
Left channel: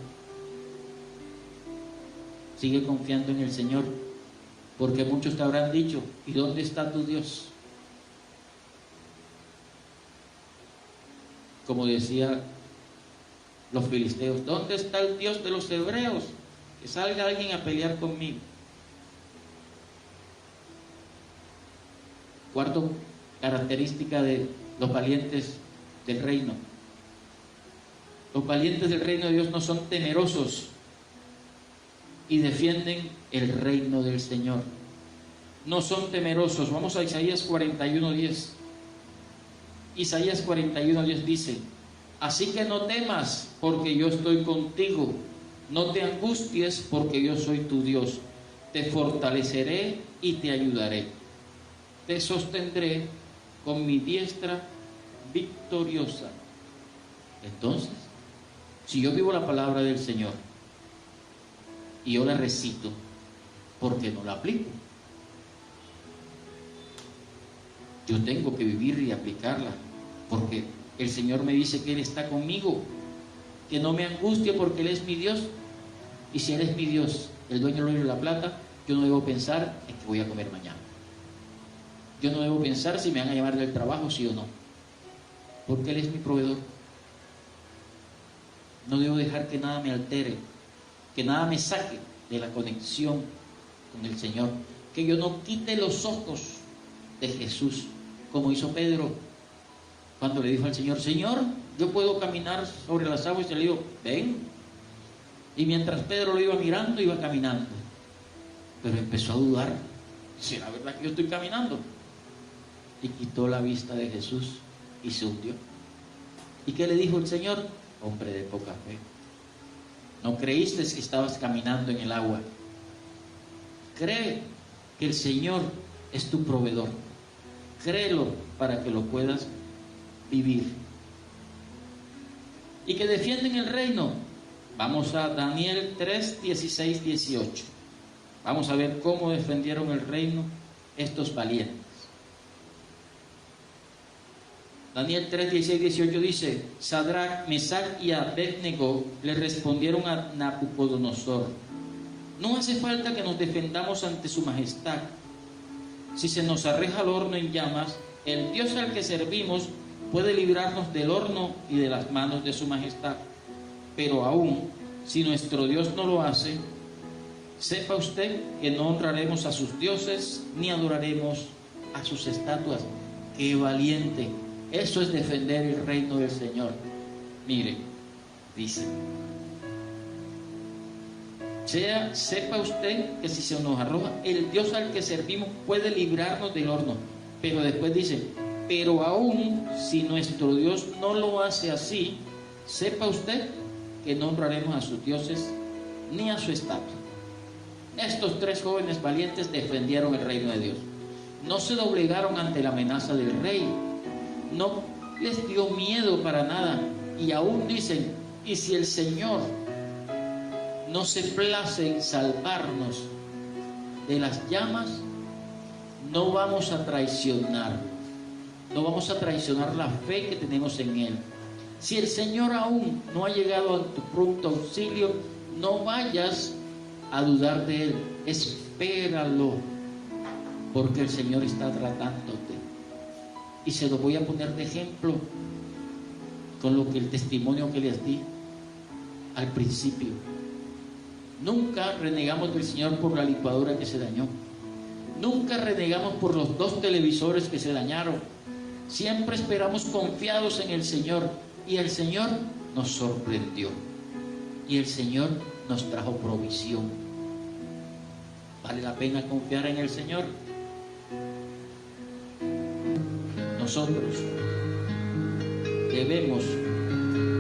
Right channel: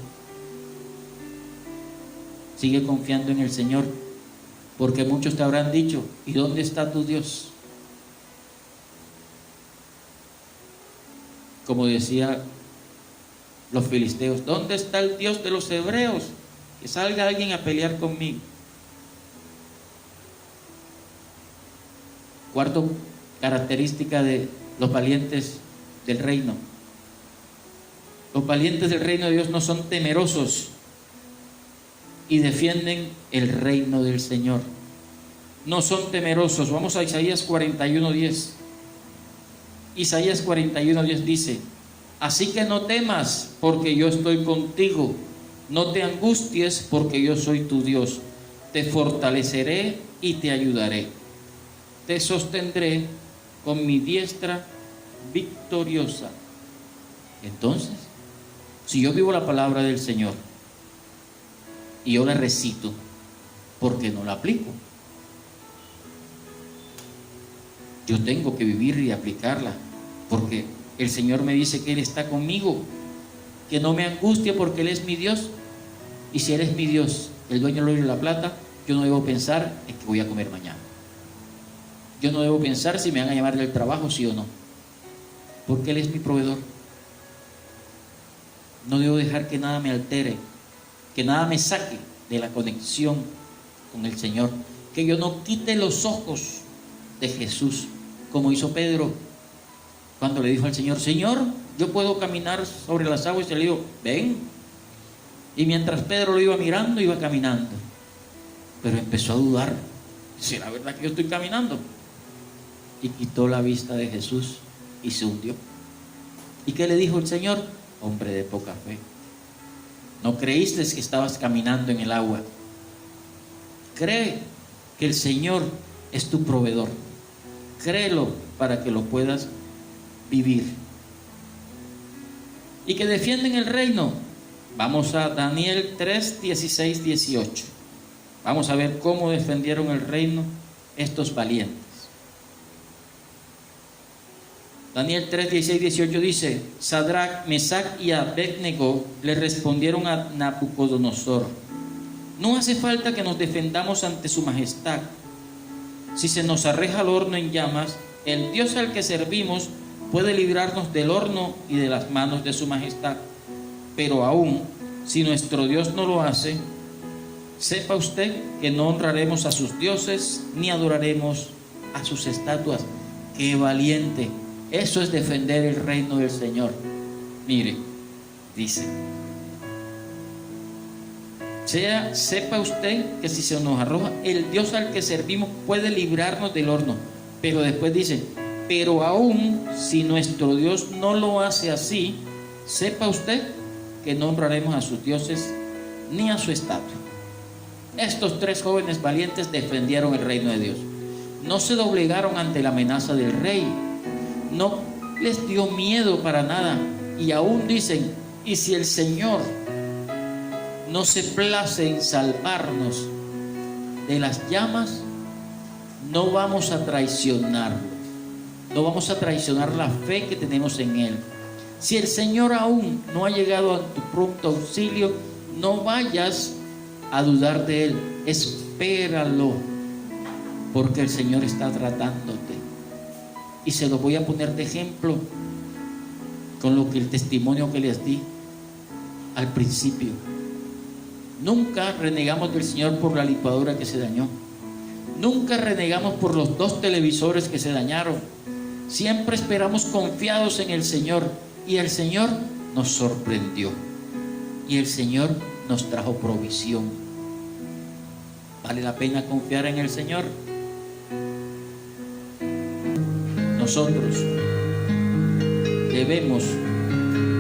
Sigue confiando en el Señor, porque muchos te habrán dicho: ¿y dónde está tu Dios? Como decía los filisteos: ¿dónde está el Dios de los hebreos? Que salga alguien a pelear conmigo. Cuarto característica de los valientes del reino. Los valientes del reino de Dios no son temerosos. y defienden el reino del Señor. No son temerosos. Vamos a Isaías 41:10. Isaías 41:10 dice: así que no temas, porque yo estoy contigo. No te angusties, porque yo soy tu Dios. Te fortaleceré y te ayudaré. Te sostendré con mi diestra victoriosa. Entonces, si yo vivo la palabra del Señor y yo la recito, ¿por qué no la aplico? Yo tengo que vivir y aplicarla, porque el Señor me dice que Él está conmigo, que no me angustie porque Él es mi Dios. Y si Él es mi Dios, el dueño del oro y la plata, yo no debo pensar en que voy a comer mañana. Yo no debo pensar si me van a llamar del trabajo, sí o no, porque Él es mi proveedor. No debo dejar que nada me altere, que nada me saque de la conexión con el Señor, que yo no quite los ojos de Jesús, como hizo Pedro cuando le dijo al Señor: Señor, yo puedo caminar sobre las aguas. Y le dijo: ven. Y mientras Pedro lo iba mirando, iba caminando, pero empezó a dudar: ¿será verdad que yo estoy caminando? Y quitó la vista de Jesús y se hundió. ¿Y qué le dijo el Señor? Hombre de poca fe, no creíste que estabas caminando en el agua. Cree que el Señor es tu proveedor. Créelo para que lo puedas vivir. Y que defienden el reino. Vamos a Daniel 3, 16, 18. Vamos a ver cómo defendieron el reino estos valientes. Daniel 3, 16, 18 dice: Sadrach, Mesach y Abednego le respondieron a Nabucodonosor: no hace falta que nos defendamos ante su majestad. Si se nos arroja el horno en llamas, el Dios al que servimos puede librarnos del horno y de las manos de su majestad. Pero aún, si nuestro Dios no lo hace, sepa usted que no honraremos a sus dioses ni adoraremos a sus estatuas. ¡Qué valiente! Eso es defender el reino del Señor. Mire, dice: sepa usted que si se nos arroja, el Dios al que servimos puede librarnos del horno. Pero después dice: pero aún si nuestro Dios no lo hace así, sepa usted que no honraremos a sus dioses ni a su estatua. Estos tres jóvenes valientes defendieron el reino de Dios. No se doblegaron ante la amenaza del rey. No les dio miedo para nada. Y aún dicen: y si el Señor no se place en salvarnos de las llamas, no vamos a traicionarlo. No vamos a traicionar la fe que tenemos en Él. Si el Señor aún no ha llegado a tu pronto auxilio, no vayas a dudar de Él. Espéralo, porque el Señor está tratándote. Y se lo voy a poner de ejemplo con lo que el testimonio que les di al principio. Nunca renegamos del Señor por la licuadora que se dañó. Nunca renegamos por los 2 televisores que se dañaron. Siempre esperamos confiados en el Señor, y el Señor nos sorprendió, y el Señor nos trajo provisión. ¿Vale la pena confiar en el Señor? Nosotros debemos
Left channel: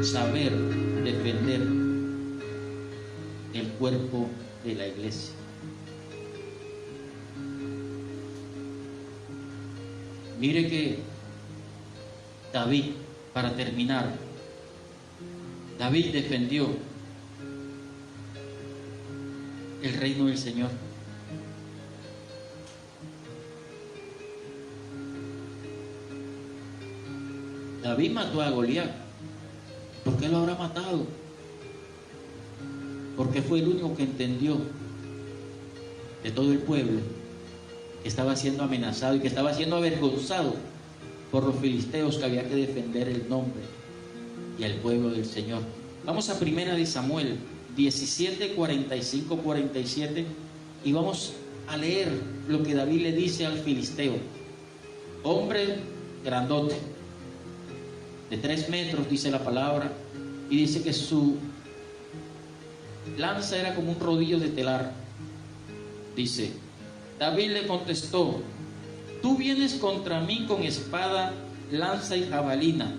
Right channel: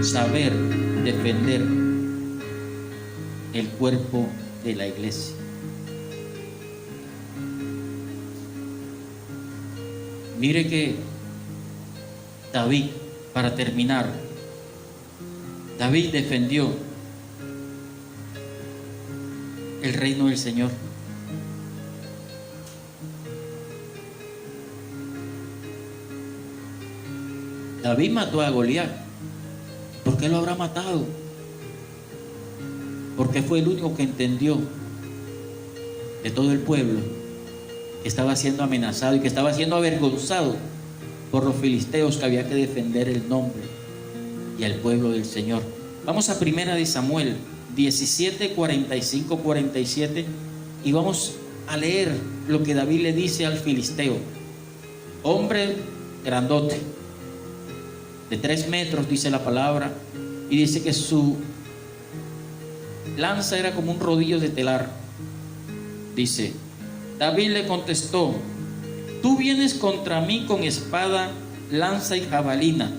saber defender el cuerpo de la iglesia. Mire que David, para terminar, David defendió el reino del Señor. David mató a Goliat. ¿Por qué lo habrá matado? Porque fue el único que entendió de todo el pueblo que estaba siendo amenazado y que estaba siendo avergonzado por los filisteos, que había que defender el nombre y al pueblo del Señor. Vamos a 1 de Samuel 17, 45, 47 y vamos a leer lo que David le dice al filisteo. Hombre grandote, de 3 metros dice la palabra, y dice que lanza era como un rodillo de telar. Dice, David le contestó, tú vienes contra mí con espada, lanza y jabalina,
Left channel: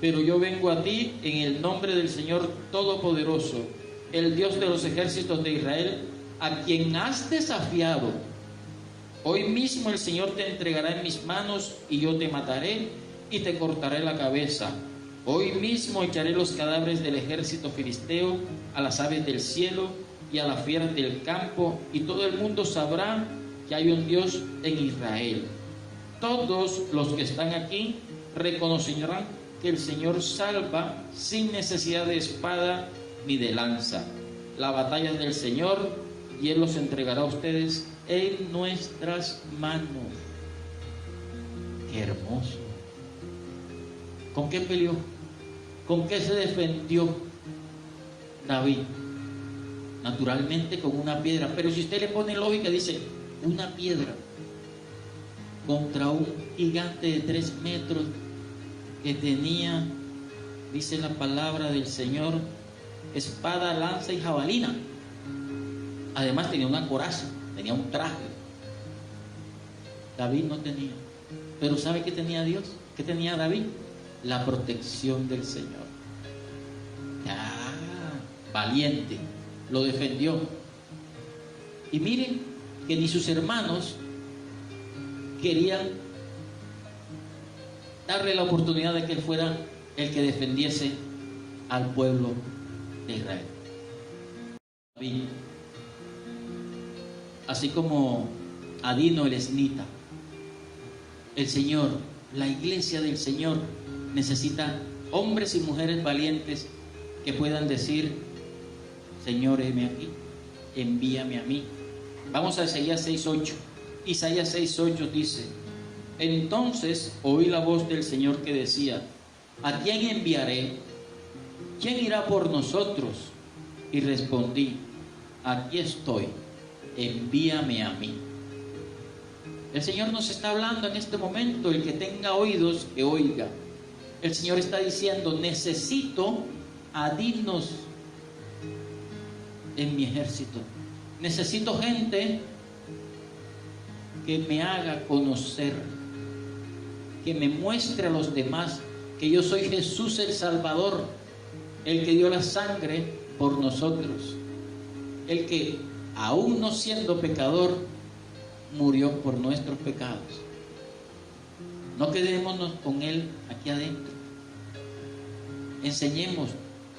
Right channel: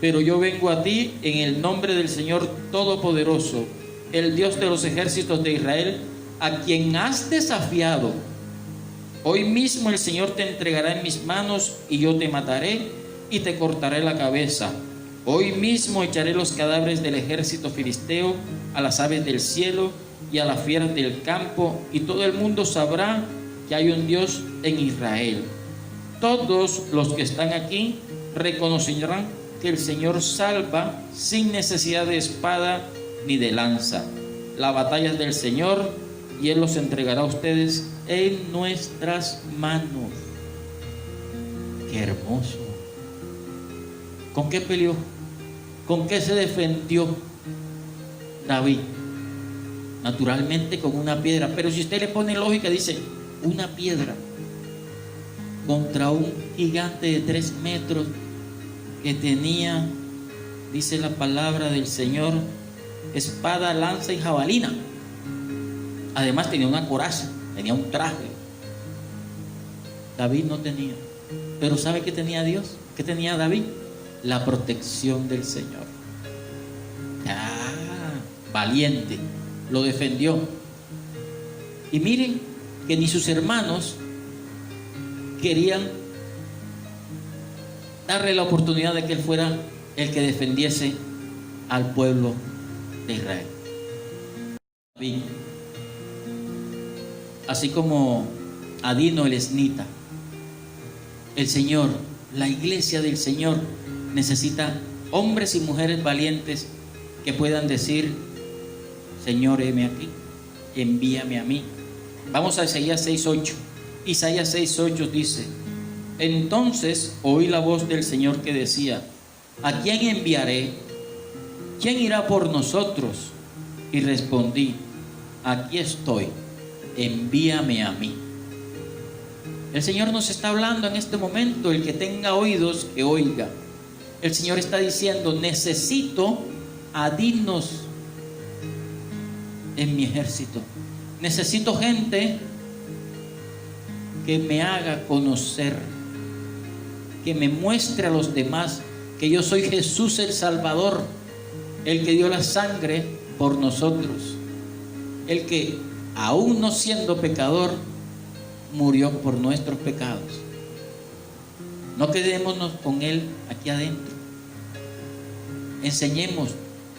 pero yo vengo a ti en el nombre del Señor Todopoderoso, el Dios de los ejércitos de Israel, a quien has desafiado. Hoy mismo el Señor te entregará en mis manos y yo te mataré y te cortaré la cabeza. Hoy mismo echaré los cadáveres del ejército filisteo a las aves del cielo y a las fieras del campo, y todo el mundo sabrá que hay un Dios en Israel. Todos los que están aquí reconocerán que el Señor salva sin necesidad de espada ni de lanza. La batalla es del Señor y Él los entregará a ustedes en nuestras manos. Qué hermoso. ¿Con qué peleó? ¿Con qué se defendió David? Naturalmente con una piedra, pero si usted le pone lógica, dice una piedra contra un gigante de 3 metros que tenía, dice la palabra del Señor, espada, lanza y jabalina. Además tenía una coraza, tenía un traje. David no tenía, pero ¿sabe qué tenía Dios? ¿Qué tenía David? La protección del Señor. Valiente, lo defendió. Y miren que ni sus hermanos querían darle la oportunidad de que él fuera el que defendiese al pueblo de Israel. David, así como Adino el esnita, el Señor, la iglesia del Señor necesita hombres y mujeres valientes que puedan decir, Señor, heme aquí, envíame a mí. Vamos a Isaías 6:8. Isaías 6:8 dice, entonces oí la voz del Señor que decía, ¿a quién enviaré? ¿Quién irá por nosotros? Y respondí, aquí estoy, envíame a mí. El Señor nos está hablando en este momento, el que tenga oídos, que oiga. El Señor está diciendo, necesito a dignos en mi ejército. Necesito gente que me haga conocer, que me muestre a los demás que yo soy Jesús el Salvador, el que dio la sangre por nosotros, el que aún no siendo pecador murió por nuestros pecados. No quedémonos con Él aquí adentro. Enseñemos,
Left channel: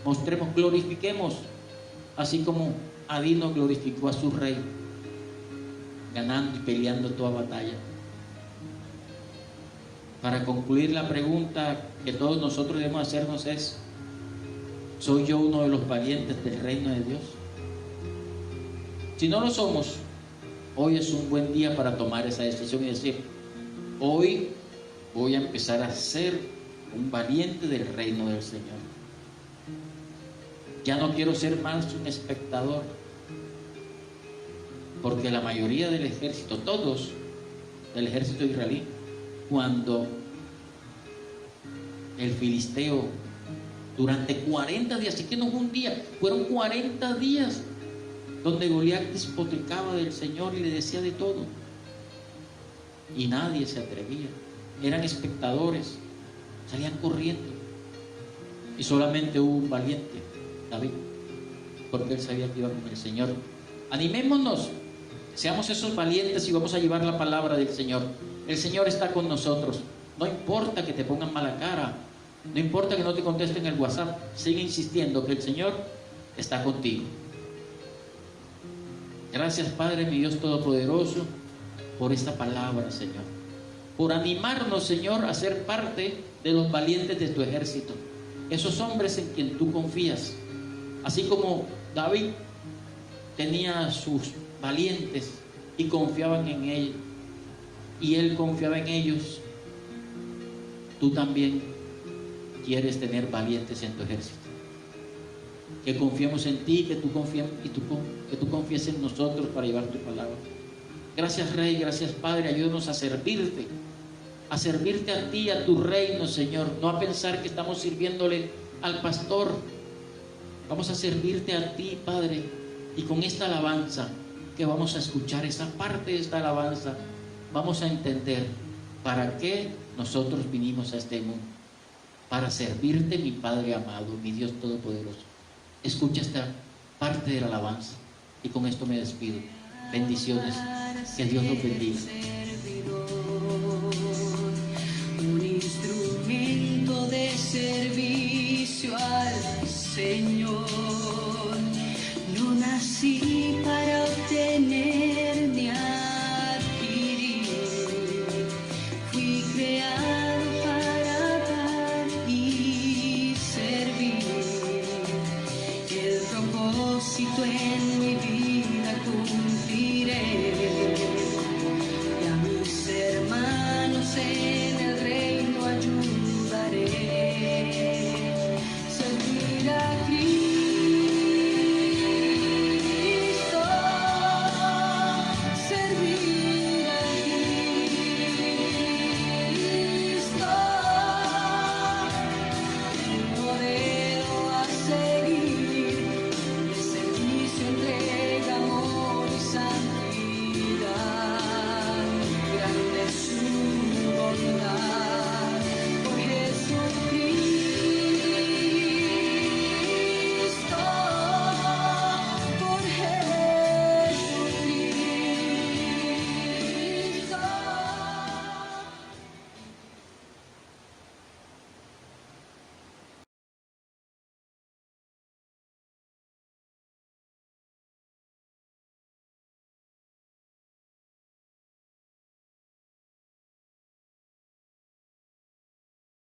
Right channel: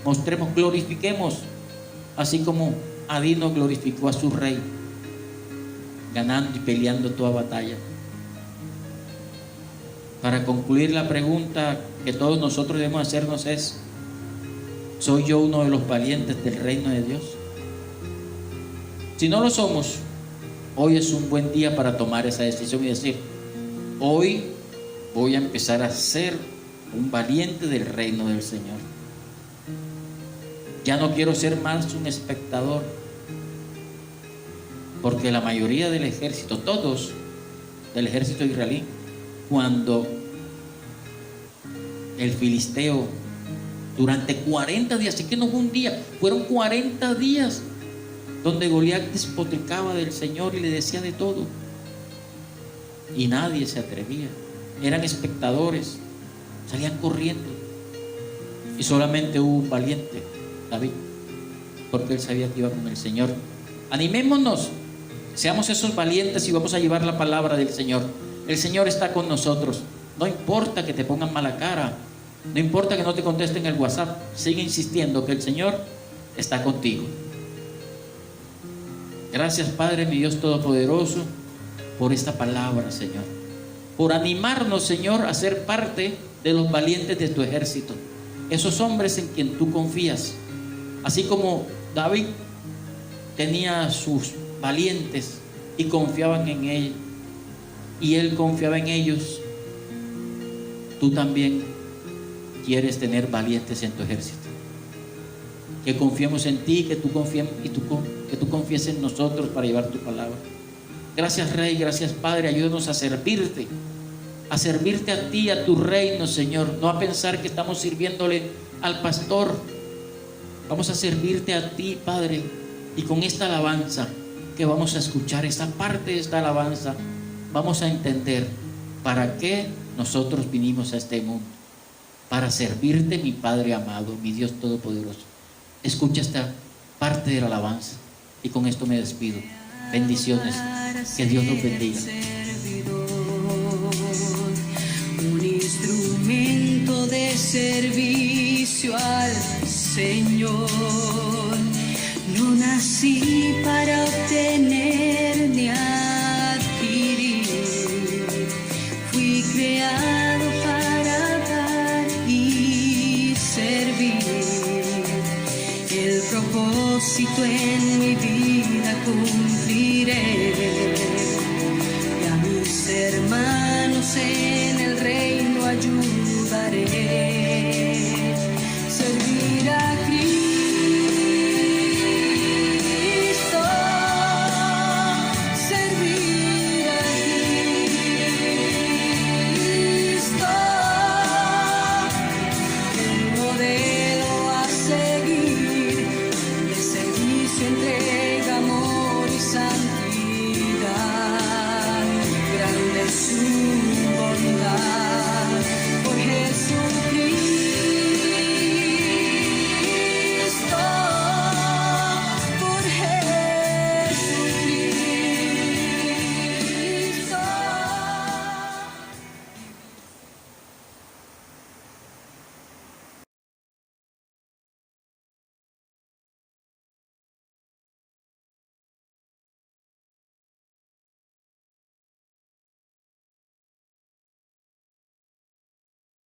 mostremos, glorifiquemos, así como Adino glorificó a su rey, ganando y peleando toda batalla. Para concluir, la pregunta que todos nosotros debemos hacernos es, ¿soy yo uno de los valientes del reino de Dios? Si no lo somos, hoy es un buen día para tomar esa decisión y decir, hoy voy a empezar a ser un valiente del reino del Señor. Ya no quiero ser más un espectador, porque la mayoría del ejército, todos del ejército israelí, cuando el filisteo durante 40 días, así que no fue un día, fueron 40 días donde Goliat despotricaba del Señor y le decía de todo, y nadie se atrevía, eran espectadores, salían corriendo, y solamente hubo un valiente, David, porque él sabía que iba con el Señor. Animémonos, seamos esos valientes y vamos a llevar la palabra del Señor. El Señor está con nosotros. No importa que te pongan mala cara, no importa que no te contesten el WhatsApp, sigue insistiendo que el Señor está contigo. Gracias, Padre, mi Dios Todopoderoso, por esta palabra, Señor, por animarnos, Señor, a ser parte de los valientes de tu ejército, esos hombres en quien tú confías. Así como David tenía sus valientes y confiaban en él, y él confiaba en ellos, tú también quieres tener valientes en tu ejército. Que confiemos en ti, que tú confíes en nosotros para llevar tu palabra. Gracias, Rey, gracias, Padre, ayúdanos a servirte a ti, a tu reino, Señor, no a pensar que estamos sirviéndole al pastor, Vamos a servirte a ti, Padre, y con esta alabanza que vamos a escuchar, esta parte de esta alabanza, vamos a entender para qué nosotros vinimos a este mundo. Para servirte, mi Padre amado, mi Dios todopoderoso. Escucha esta parte de la alabanza y con esto me despido. Bendiciones. Que Dios nos bendiga. Un instrumento de servicio al Señor. No nací